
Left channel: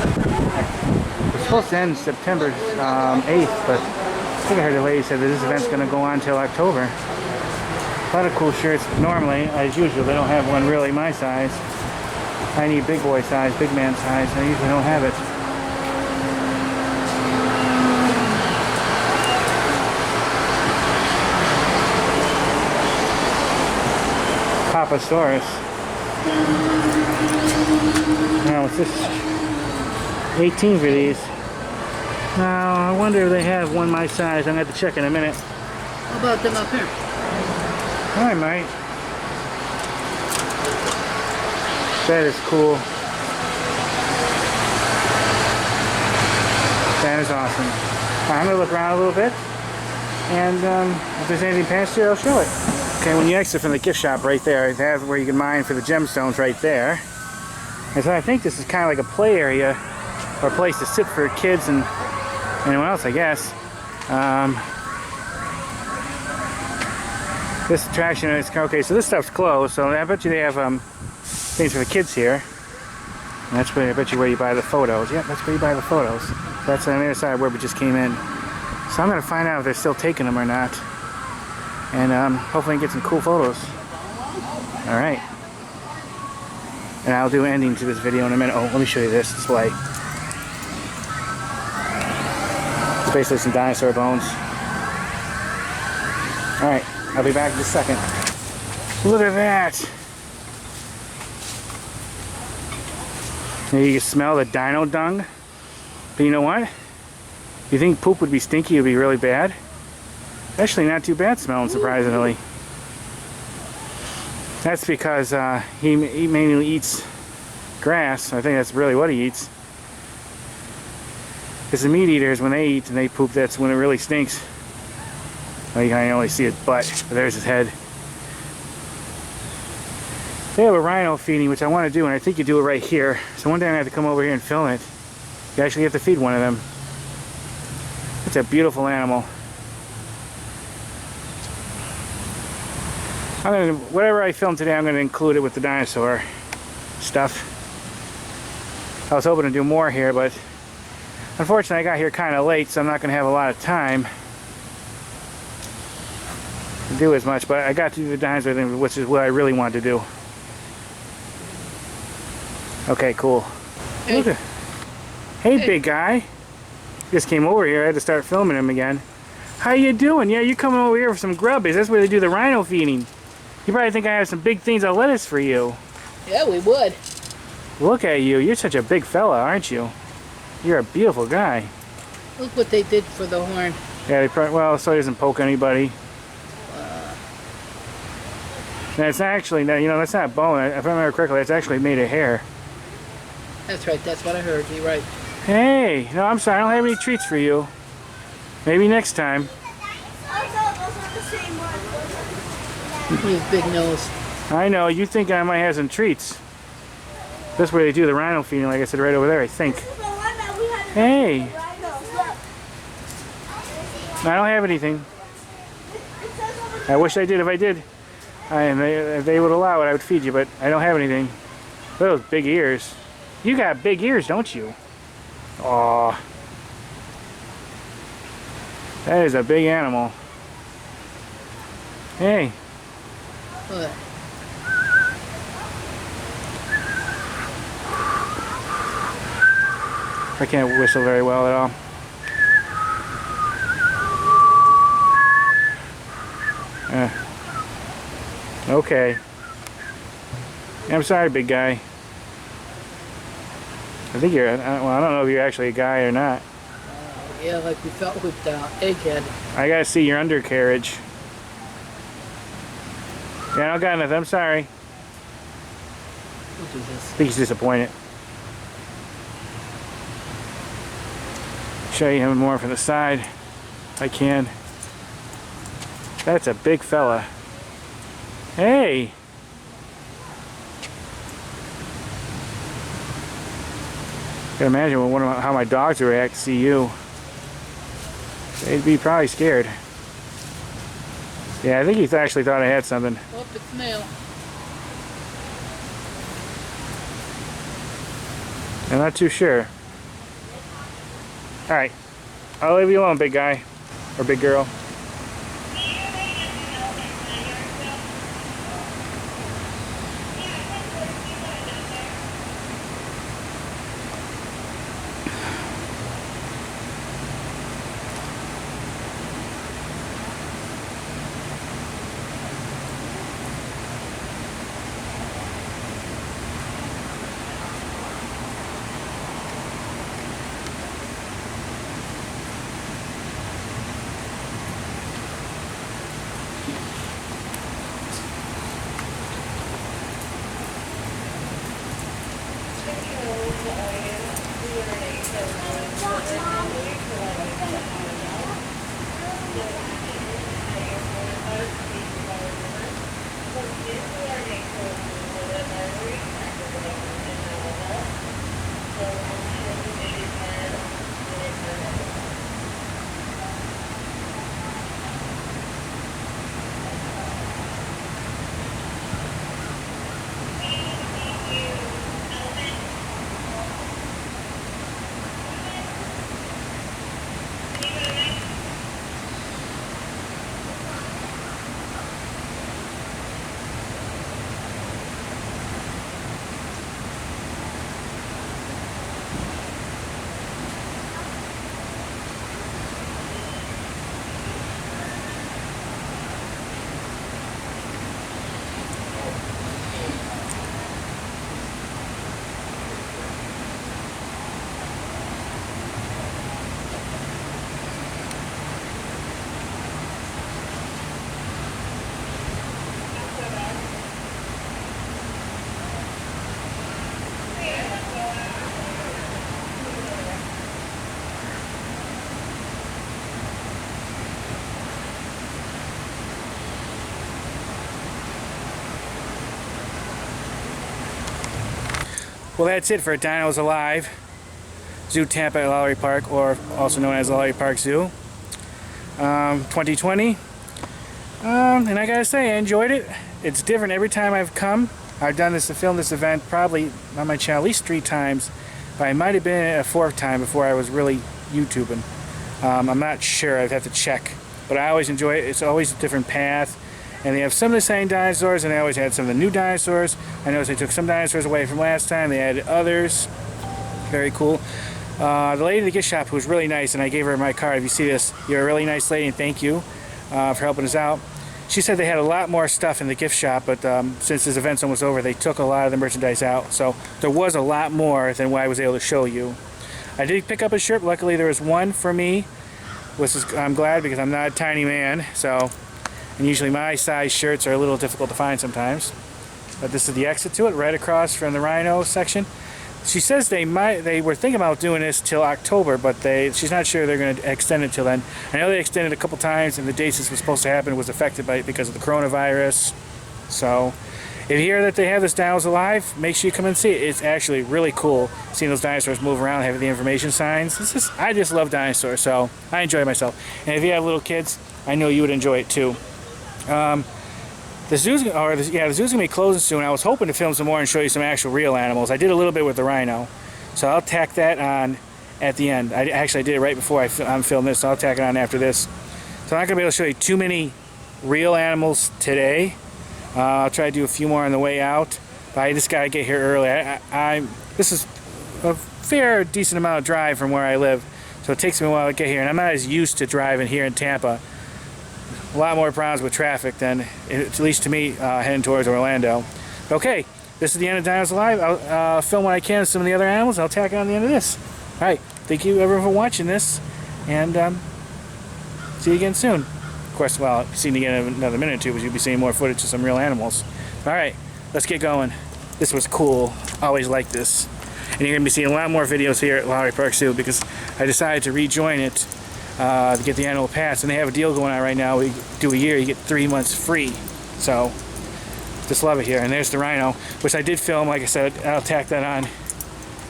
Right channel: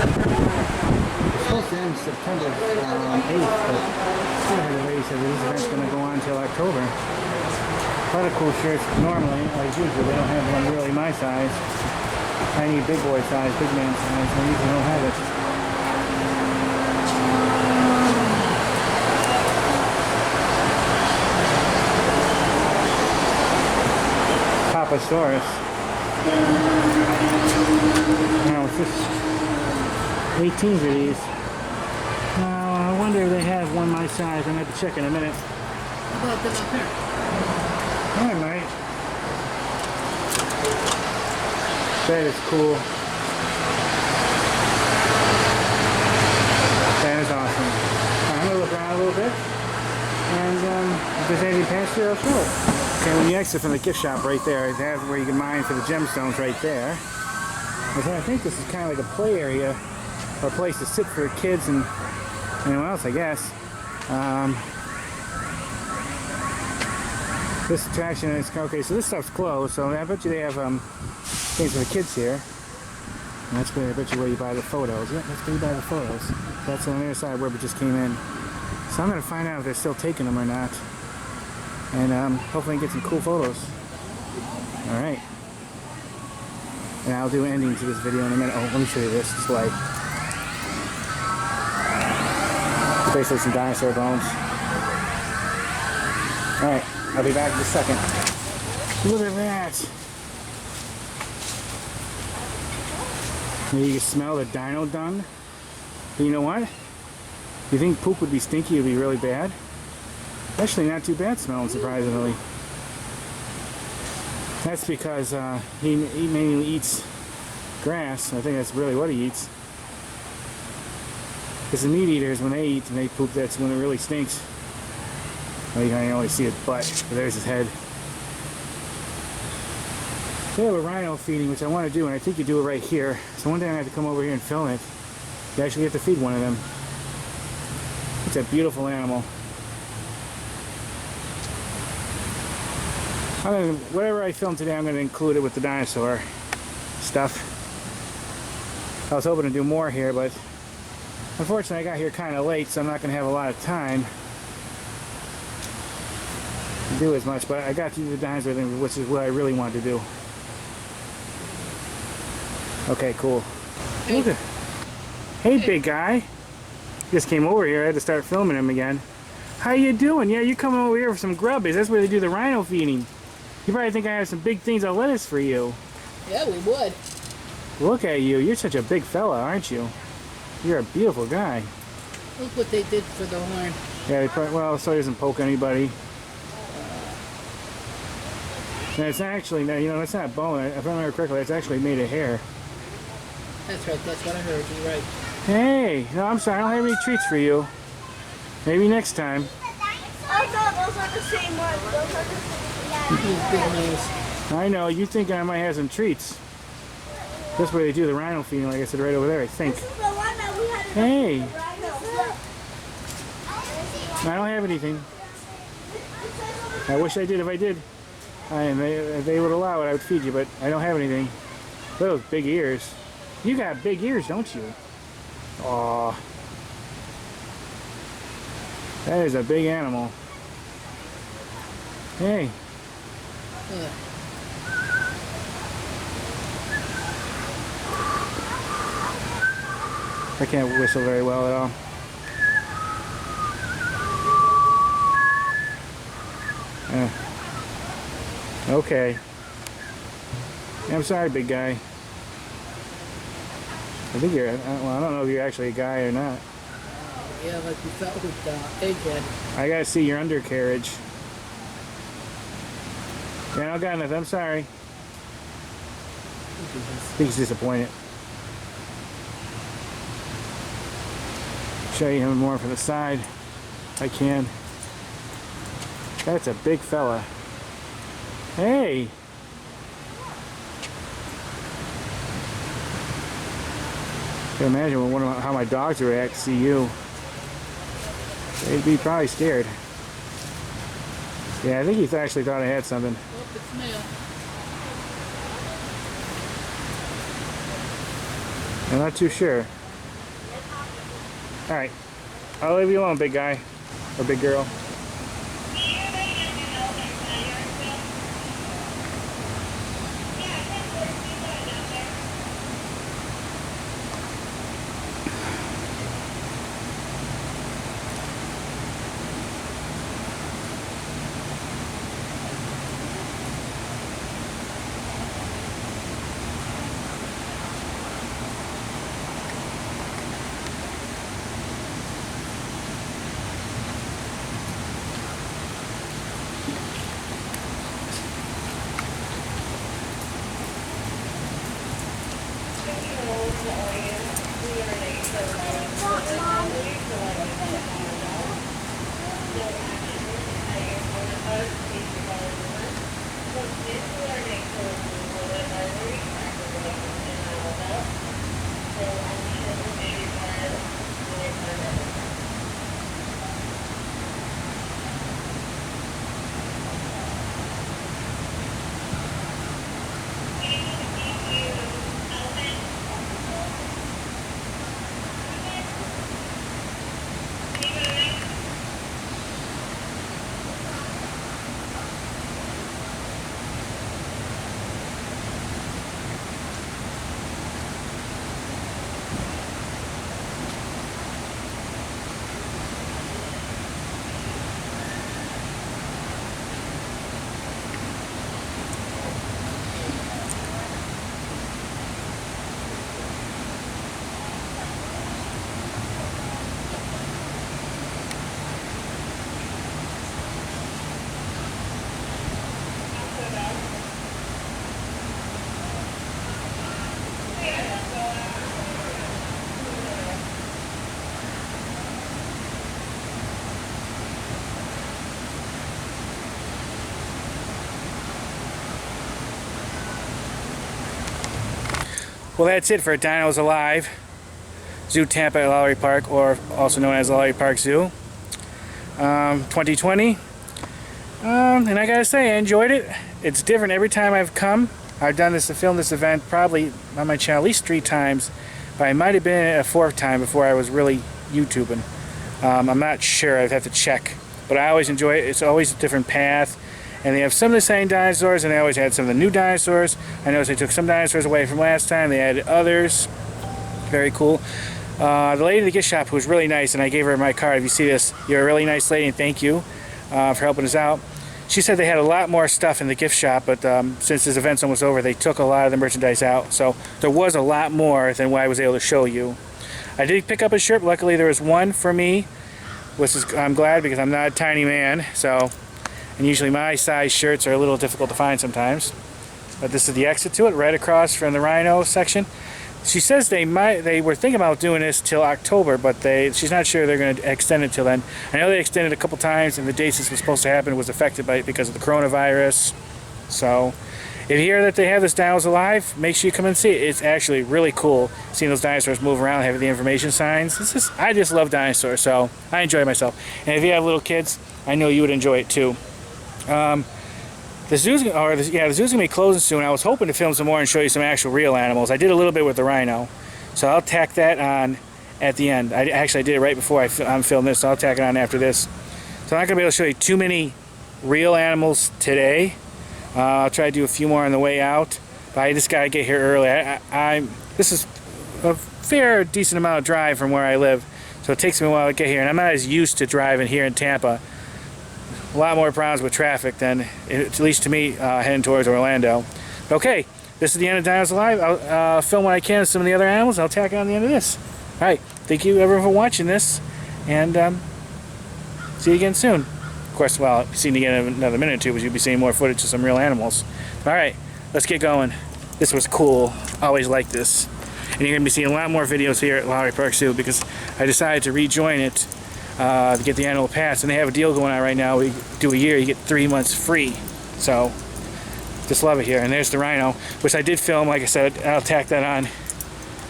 September 9th. It's supposed to end September 8th, but I think I heard the lady said that this event's going to go on until October. A lot of cool shirts. Normally, as usual, they don't have one really my size. I need big boy size, big man size. I usually don't have it. Papasaurus. Now, what's this? 18 for these. Now, I wonder if they have one my size. I'm going to have to check in a minute. How about them up here? I might. That is cool. That is awesome. I'm going to look around a little bit. And if there's anything past here, I'll show it. Okay, when you exit from the gift shop right there, that's where you can mine for the gemstones right there. And so I think this is kind of like a play area or a place to sit for kids and anyone else, I guess. This attraction is okay. So this stuff's closed. So I bet you they have things for the kids here. And that's where I bet you where you buy the photos. Yeah, that's where you buy the photos. That's on the other side where we just came in. So I'm gonna find out if they're still taking them or not, and hopefully get some cool photos. All right. And I'll do an ending to this video in a minute. Oh, let me show you this display. It's basically some dinosaur bones. Alright, I'll be back in a second. Look at that! Now you can smell the dino dung. But you know what? You think poop would be stinky, it would be really bad? Actually not too bad smelling, surprisingly. That's because he mainly eats grass. I think that's really what he eats. Because the meat eaters, when they eat and they poop, that's when it really stinks. Well, you can only see his butt, but there's his head. They have a rhino feeding, which I want to do, and I think you do it right here. So one day I'm going to have to come over here and film it. You actually have to feed one of them. It's a beautiful animal. Whatever I film today, I'm going to include it with the dinosaur stuff. I was hoping to do more here, but unfortunately I got here kind of late, so I'm not going to have a lot of time to do as much, but I got to do the dinosaur thing, which is what I really wanted to do. Okay, cool. Hey. Hey, big guy. Just came over here. I had to start filming him again. How you doing? Yeah, you coming over here for some grubbies. That's where they do the rhino feeding. You probably think I have some big things of lettuce for you. Yeah, we would. Look at you. You're such a big fella, aren't you? You're a beautiful guy. Look what they did for the horn. Yeah, they probably, well, so he doesn't poke anybody. That's actually, you know, that's not bone. If I remember correctly, that's actually made of hair. That's right, that's what I heard. You're right. Hey, no, I'm sorry. I don't have any treats for you. Maybe next time. His big nose. I know, you think I might have some treats. That's where they do the rhino feeding, like I said, right over there, I think. Hey! I don't have anything. I wish I did. If I did, if they would allow it, I would feed you, but I don't have anything. Look at those big ears. You got big ears, don't you? Aw. That is a big animal. Hey. What? I can't whistle very well at all. Okay. I'm sorry, big guy. I think you're, well, I don't know if you're actually a guy or not. Yeah, like we felt with Egghead. I gotta see your undercarriage. Yeah, I don't got nothing. I'm sorry. I think he's disappointed. show you him more from the side if I can. That's a big fella. Hey! I can imagine how my dogs would react to see you. They'd be probably scared. Yeah, I think he actually thought I had something. Oh, it's male. I'm not too sure. Alright. I'll leave you alone, big guy. Or big girl. Well, that's it for Dinos Alive, Zoo Tampa at Lowry Park, or also known as Lowry Park Zoo, 2020. And I gotta say, I enjoyed it. It's different every time I've come. I've done this to film this event probably on my channel at least 3 times, but I might have been a 4th time before I was really YouTubing. I'm not sure, I'd have to check. But I always enjoy it. It's always a different path. And they have some of the same dinosaurs, and they always had some of the new dinosaurs. I noticed they took some dinosaurs away from last time. They added others. Very cool. The lady at the gift shop, who was really nice, and I gave her my card. If you see this, you're a really nice lady, and thank you for helping us out. She said they had a lot more stuff in the gift shop, but since this event's almost over, they took a lot of the merchandise out. So there was a lot more than what I was able to show you. I did pick up a shirt. Luckily, there was one for me, which is, I'm glad, because I'm not a tiny man. And usually my size shirts are a little difficult to find sometimes. But this is the exit to it, right across from the rhino section. She says they were thinking about doing this till October, but she's not sure they're going to extend it till then. I know they extended a couple times, and the dates this was supposed to happen was affected by it because of the coronavirus. So if you hear that they have this Dinos Alive, make sure you come and see it. It's actually really cool seeing those dinosaurs move around, having the information signs. I just love dinosaurs, so I enjoy myself. And if you have little kids, I know you would enjoy it too. The zoo's gonna be closing soon. I was hoping to film some more and show you some actual real animals. I did a little bit with the rhino, so I'll tack that on at the end. I did it right before I'm filming this, so I'll tack it on after this. So I'm not gonna be able to show you too many real animals today. I'll try to do a few more on the way out, but I just gotta get here early. This is a fair decent amount of drive from where I live, so it takes me a while to get here, and I'm not as used to driving here in Tampa. A lot more problems with traffic than, at least to me, heading towards Orlando. Okay, this is the end of Dinos Alive. I'll film what I can of some of the other animals. I'll tack on the end of this. Alright, thank you everyone for watching this, and see you again soon. Of course, well, seeing you again in another minute or two, because you'll be seeing more footage of some real animals. Alright, let's get going. This was cool. Always like this. And you're going to be seeing a lot more videos here at Lowry Park Zoo because I decided to rejoin it to get the annual pass. And they have a deal going on right now. We do a year, you get 3 months free. So, just love it here. And there's the rhino, which I did film. Like I said, I'll tack that on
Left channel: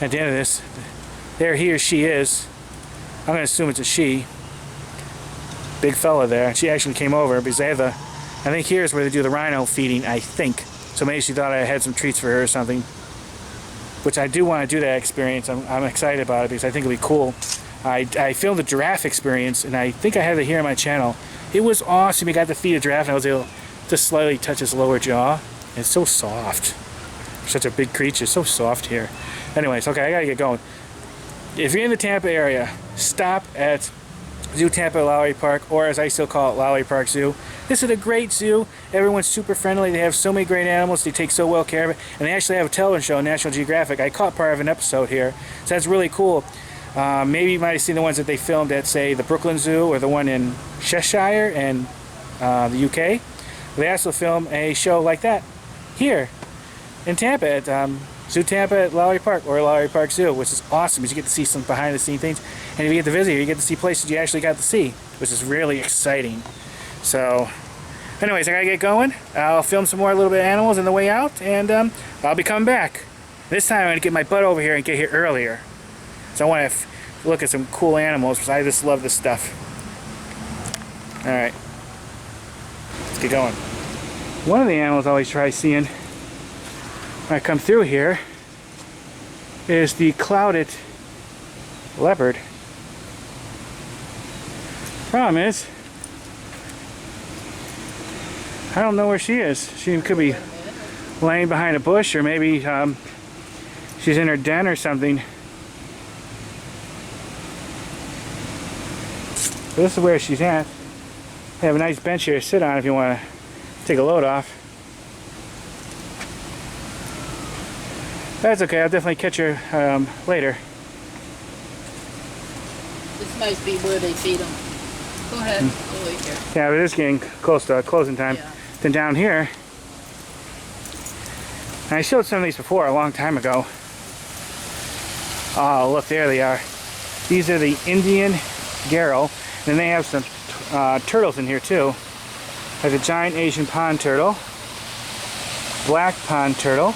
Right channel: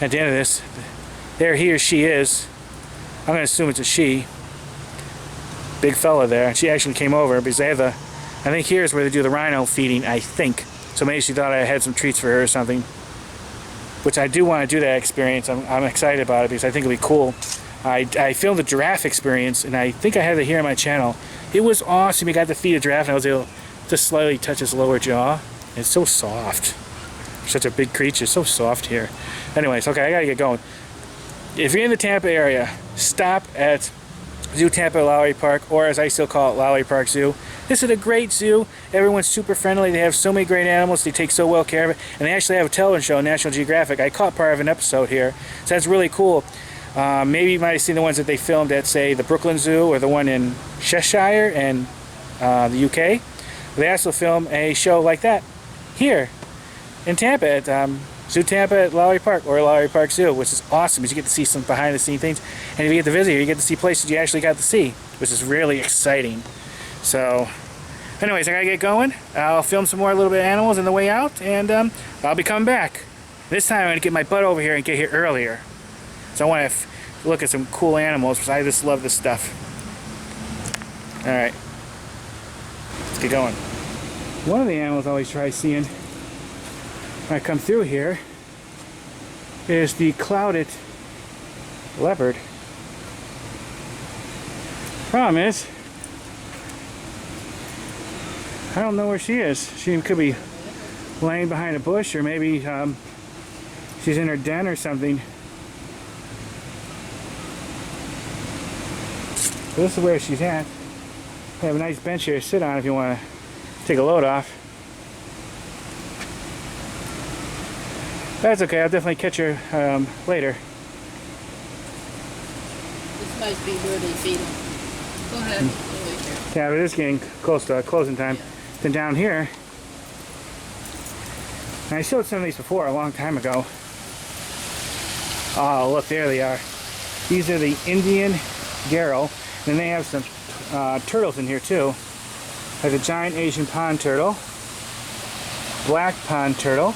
at the end of this. There he or she is. I'm going to assume it's a she. Big fella there. She actually came over because they have the, I think here's where they do the rhino feeding, I think. So maybe she thought I had some treats for her or something. Which I do want to do that experience. I'm excited about it because I think it'll be cool. I filmed the giraffe experience and I think I have it here on my channel. It was awesome. You got to feed a giraffe and I was able to slightly touch his lower jaw. It's so soft. Such a big creature. So soft here. Anyways, okay, I gotta get going. If you're in the Tampa area, stop at Zoo Tampa at Lowry Park, or as I still call it, Lowry Park Zoo. This is a great zoo. Everyone's super friendly. They have so many great animals. They take so well care of it. And they actually have a television show, National Geographic. I caught part of an episode here. So that's really cool. Maybe you might have seen the ones that they filmed at, say, the Brooklyn Zoo or the one in Cheshire in the UK. They also film a show like that here in Tampa at Zoo Tampa at Lowry Park or Lowry Park Zoo, which is awesome because you get to see some behind the scenes things. And if you get to visit here, you get to see places you actually got to see, which is really exciting. So, anyways, I gotta get going. I'll film some more little bit of animals on the way out, and I'll be coming back. This time I'm gonna get my butt over here and get here earlier. So I want to look at some cool animals because I just love this stuff. All right, let's get going. One of the animals I always try seeing when I come through here is the clouded leopard. Problem is, I don't know where she is. She could be laying behind a bush, or maybe she's in her den or something. So this is where she's at. They have a nice bench here to sit on if you want to take a load off. That's okay, I'll definitely catch her later. This must be where they feed them. Go ahead. Yeah, but it is getting close to closing time. Yeah. Then down here, and I showed some of these before a long time ago. Oh, look, there they are. These are the Indian Garrow, and they have some turtles in here too. There's a giant Asian pond turtle, black pond turtle.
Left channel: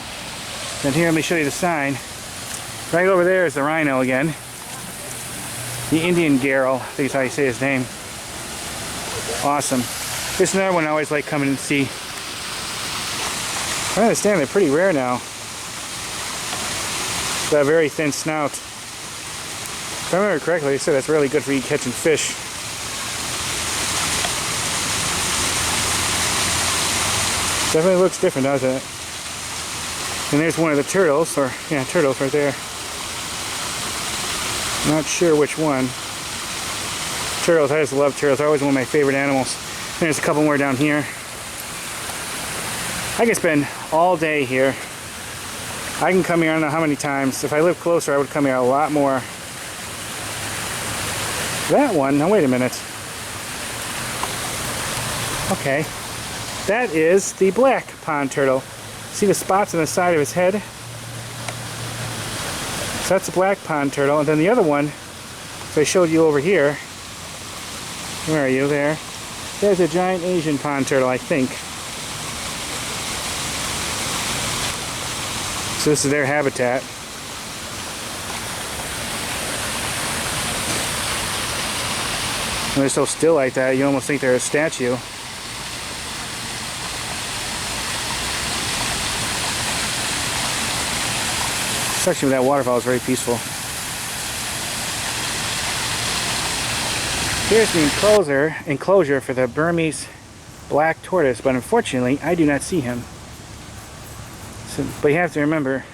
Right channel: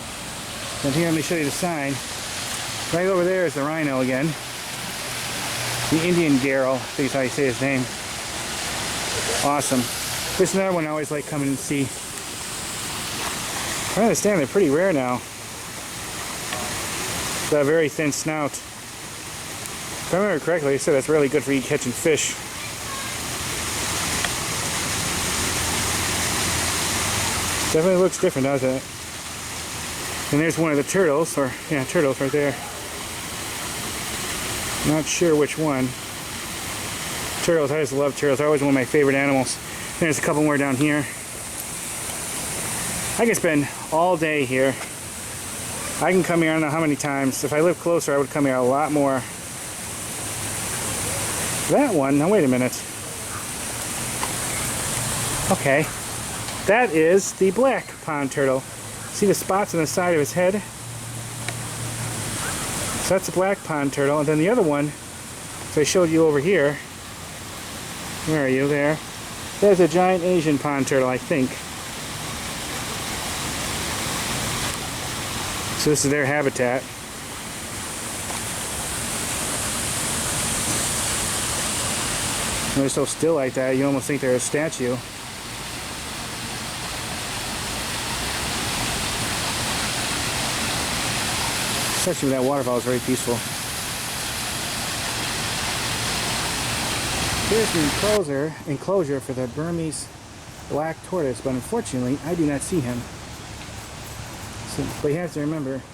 And here, let me show you the sign. Right over there is the rhino again. The Indian Garrow, I think is how you say his name. Awesome. This is another one I always like coming and see. I understand they're pretty rare now. Got a very thin snout. If I remember correctly, they said that's really good for you catching fish. Definitely looks different, doesn't it? And there's one of the turtles, or yeah, turtles right there. Not sure which one. Turtles, I just love turtles. They're always one of my favorite animals. And there's a couple more down here. I can spend all day here. I can come here, I don't know how many times. If I lived closer, I would come here a lot more. That one, now wait a minute. Okay. That is the black pond turtle. See the spots on the side of his head? So that's the black pond turtle. And then the other one, so I showed you over here. Where are you? There. There's a giant Asian pond turtle, I think. So this is their habitat. And they're so still like that, you almost think they're a statue. Section of that waterfall is very peaceful. Here's the enclosure for the Burmese black tortoise, but unfortunately I do not see him. So, but you have to remember,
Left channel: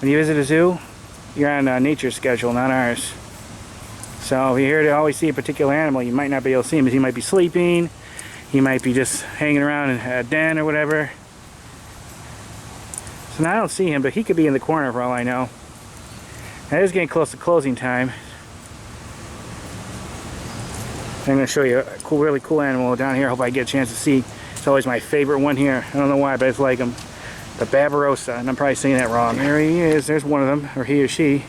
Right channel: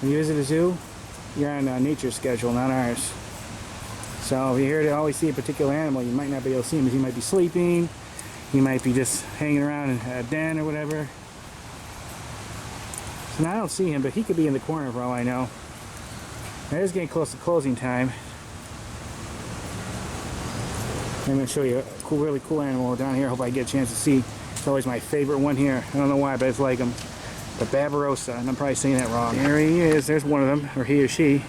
when you visit a zoo, you're on a nature schedule, not ours. So if you're here to always see a particular animal, you might not be able to see him because he might be sleeping, he might be just hanging around in a den or whatever. So now I don't see him, but he could be in the corner for all I know. Now it is getting close to closing time. I'm going to show you a cool, really cool animal down here. I hope I get a chance to see. It's always my favorite one here. I don't know why, but I just like him. The Barbarossa, and I'm probably saying that wrong. There he is. There's one of them, or he or she.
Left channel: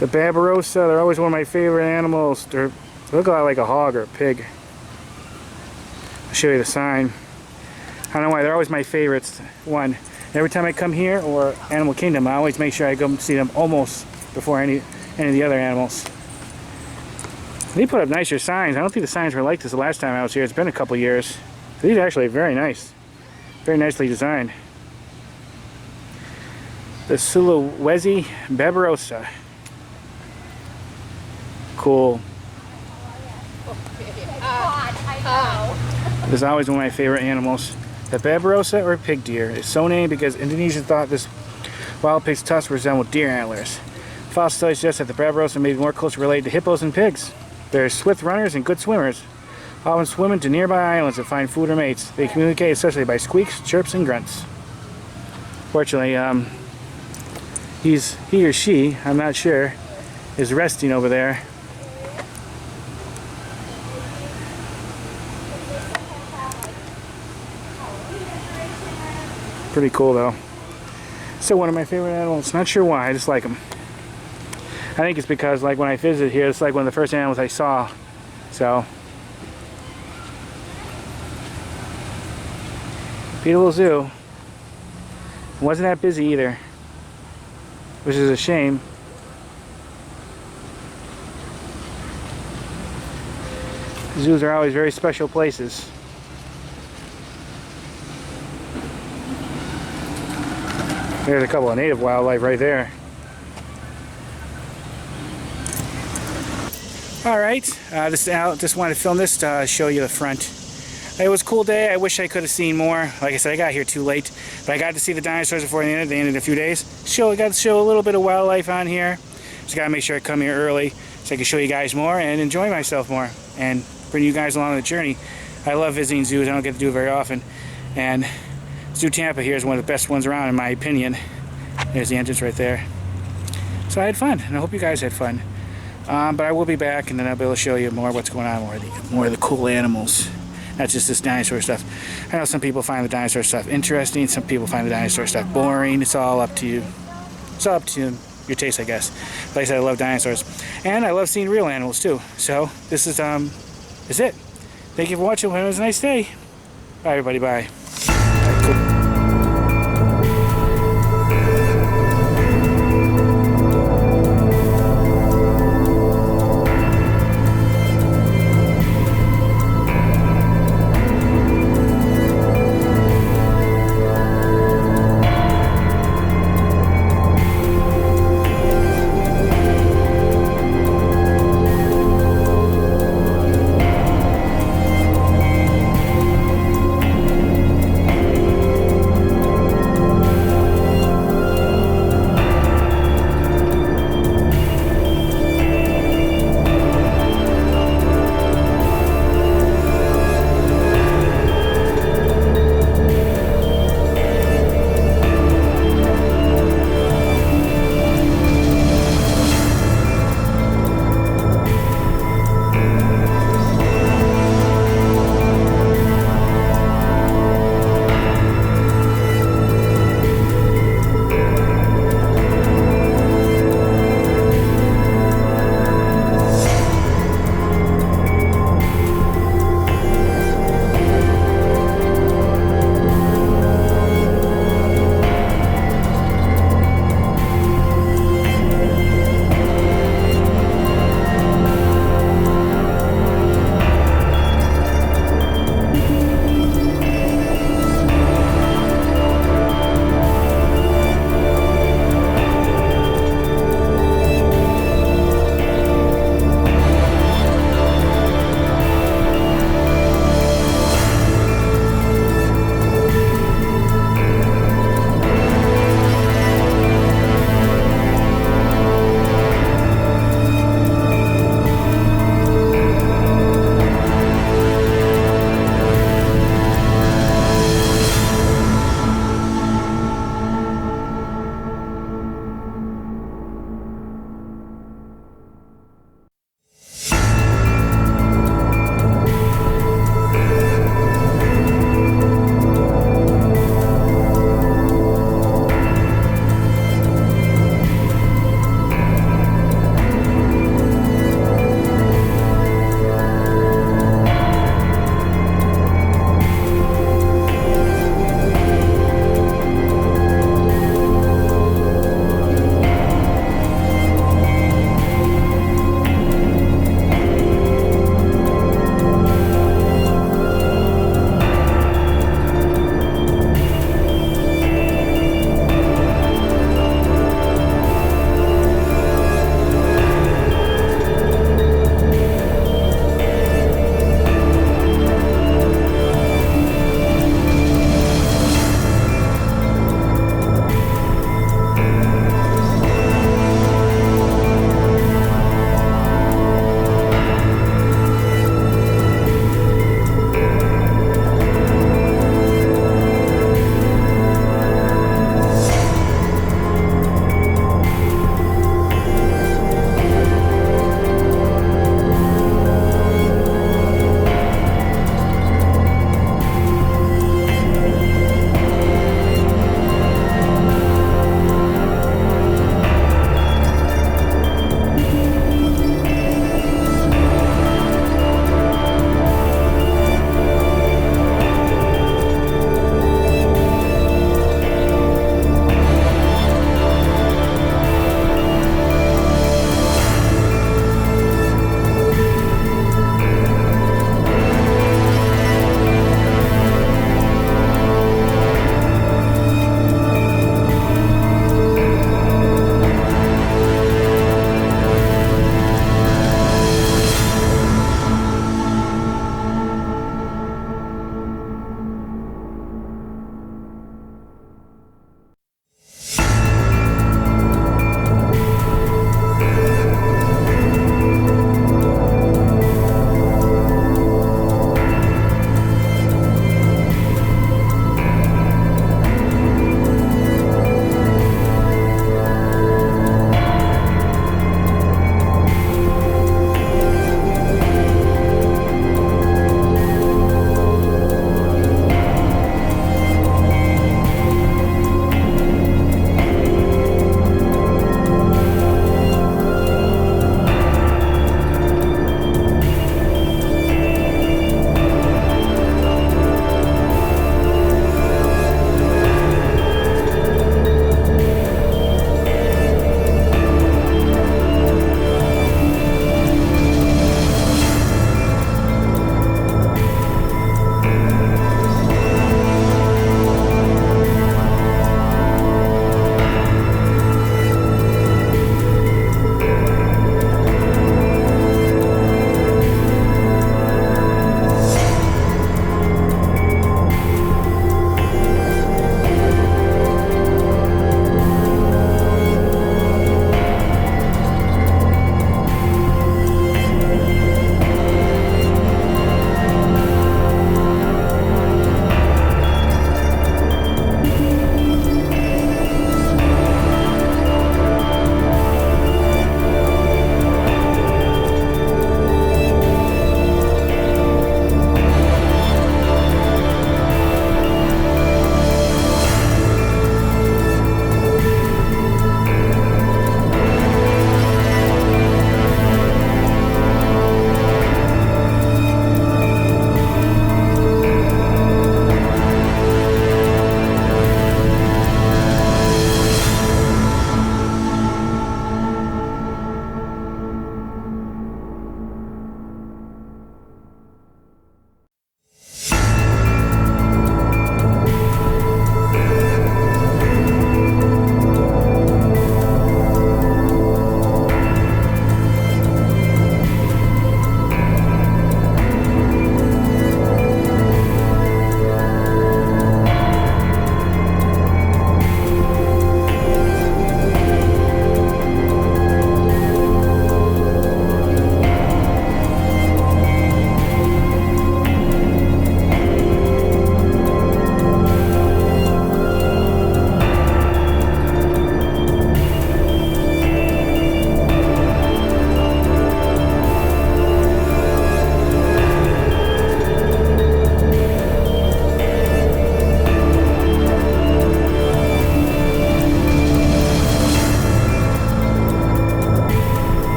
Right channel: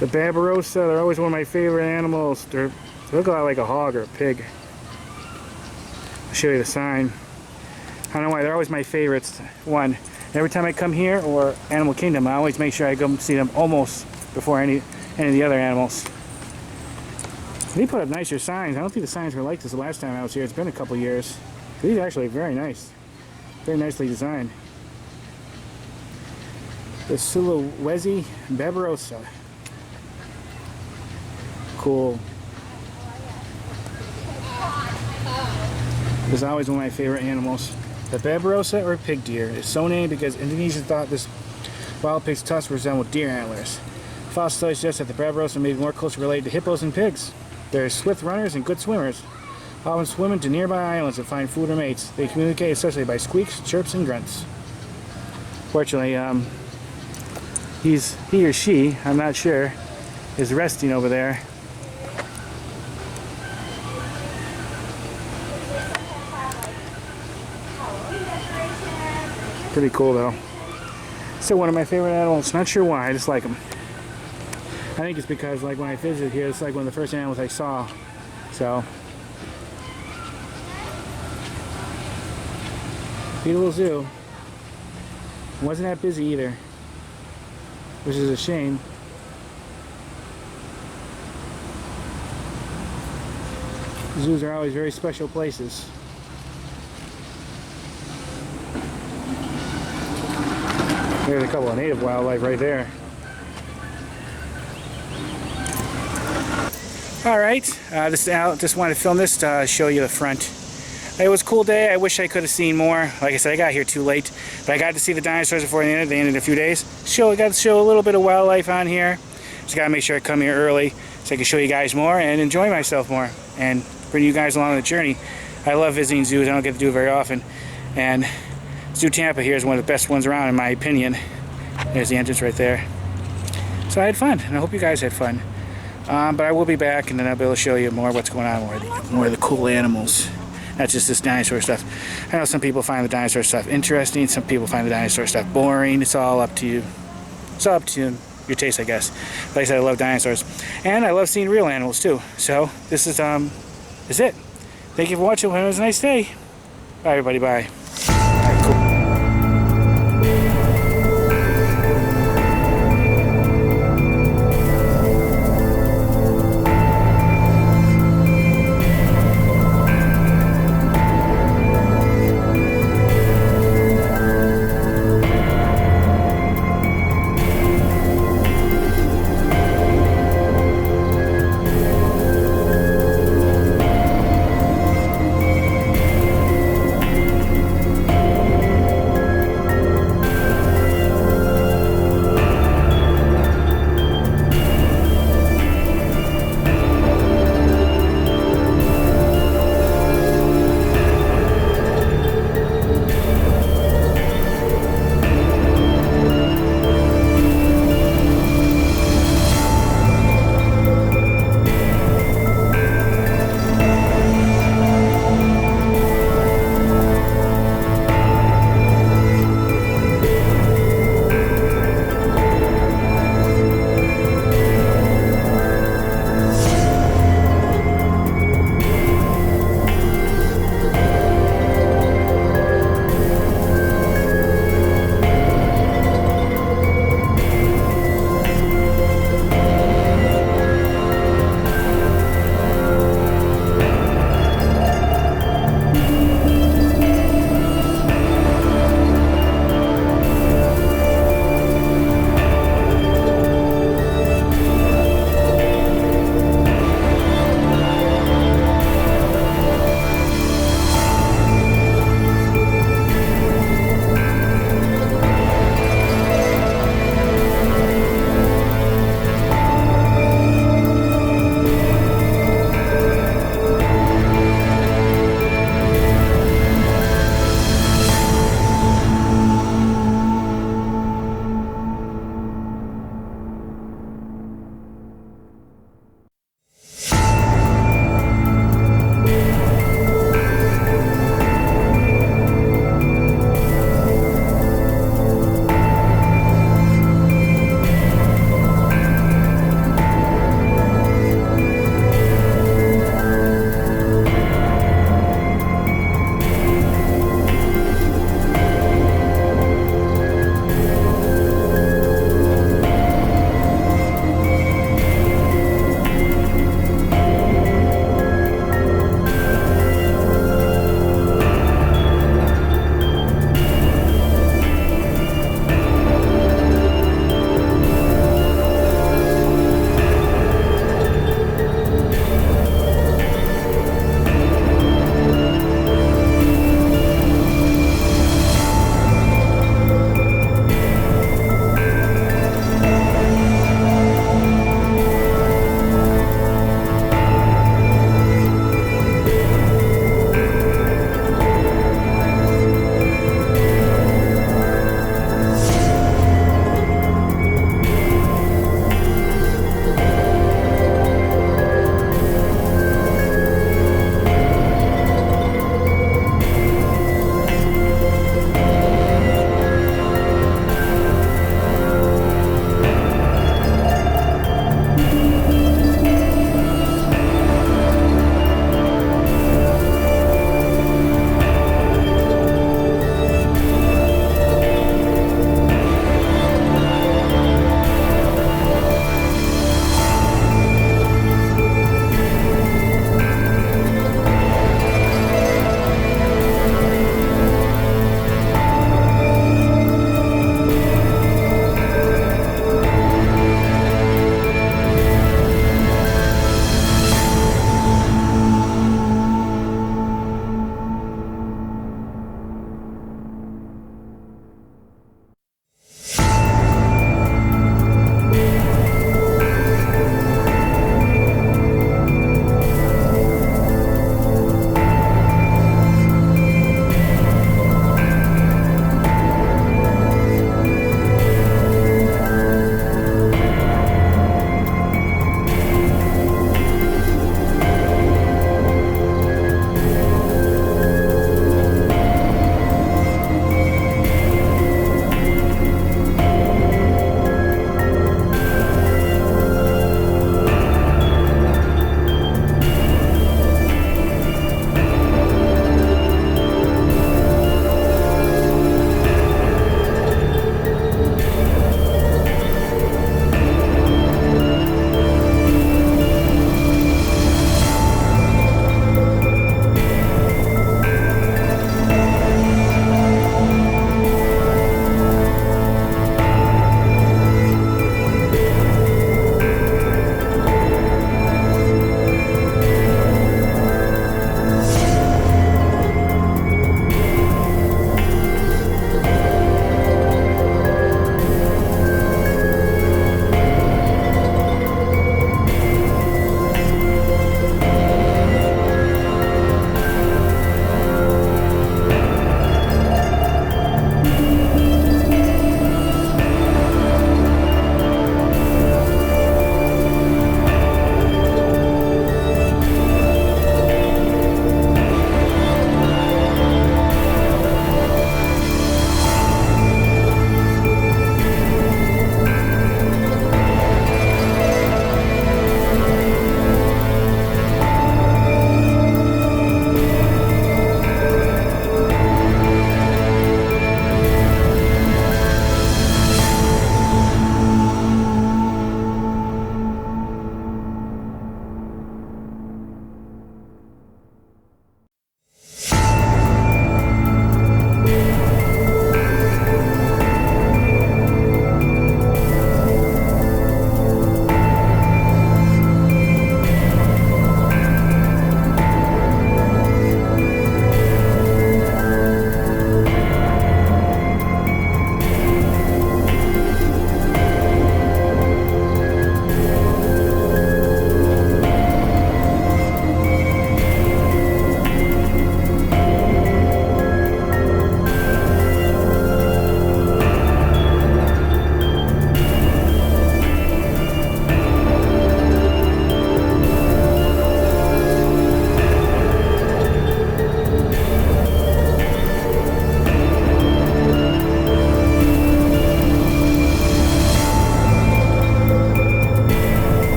The Barbarossa, they're always one of my favorite animals. They look a lot like a hog or a pig. I'll show you the sign. I don't know why, they're always my favorites. One, every time I come here, or Animal Kingdom, I always make sure I go see them almost before any of the other animals. They put up nicer signs. I don't think the signs were like this the last time I was here. It's been a couple years. These are actually very nice. Very nicely designed. The Sulawesi Barbarossa. Cool. This is always one of my favorite animals. The Barbarossa, or pig deer, is so named because Indonesians thought this wild pig's tusks resembled deer antlers. Fossil studies suggest that the Barbarossa may be more closely related to hippos and pigs. They're swift runners and good swimmers, often swimming to nearby islands to find food or mates. They communicate especially by squeaks, chirps, and grunts. Fortunately, he or she, I'm not sure, is resting over there. Pretty cool though. Still one of my favorite animals. Not sure why, I just like them. I think it's because like when I visited here, it's like one of the first animals I saw. So, beautiful zoo. Wasn't that busy either, which is a shame. Zoos are always very special places. There's a couple of native wildlife right there. Alright, just wanted to film this to show you the front. It was a cool day. I wish I could have seen more. Like I said, I got here too late. But I got to see the dinosaurs before they ended. They ended in a few days. I got to show a little bit of wildlife on here. Just got to make sure I come here early so I can show you guys more and enjoy myself more. And bring you guys along on the journey. I love visiting zoos. I don't get to do it very often. And Zoo Tampa here is one of the best ones around in my opinion. There's the entrance right there. So I had fun, and I hope you guys had fun. But I will be back, and then I'll be able to show you more what's going on, more of the cool animals. Not just this dinosaur stuff. I know some people find the dinosaur stuff interesting. Some people find the dinosaur stuff boring. It's all up to you. It's all up to your taste, I guess. Like I said, I love dinosaurs. And I love seeing real animals, too. So, this is it. Thank you for watching. It was a nice day. Bye, everybody. Bye.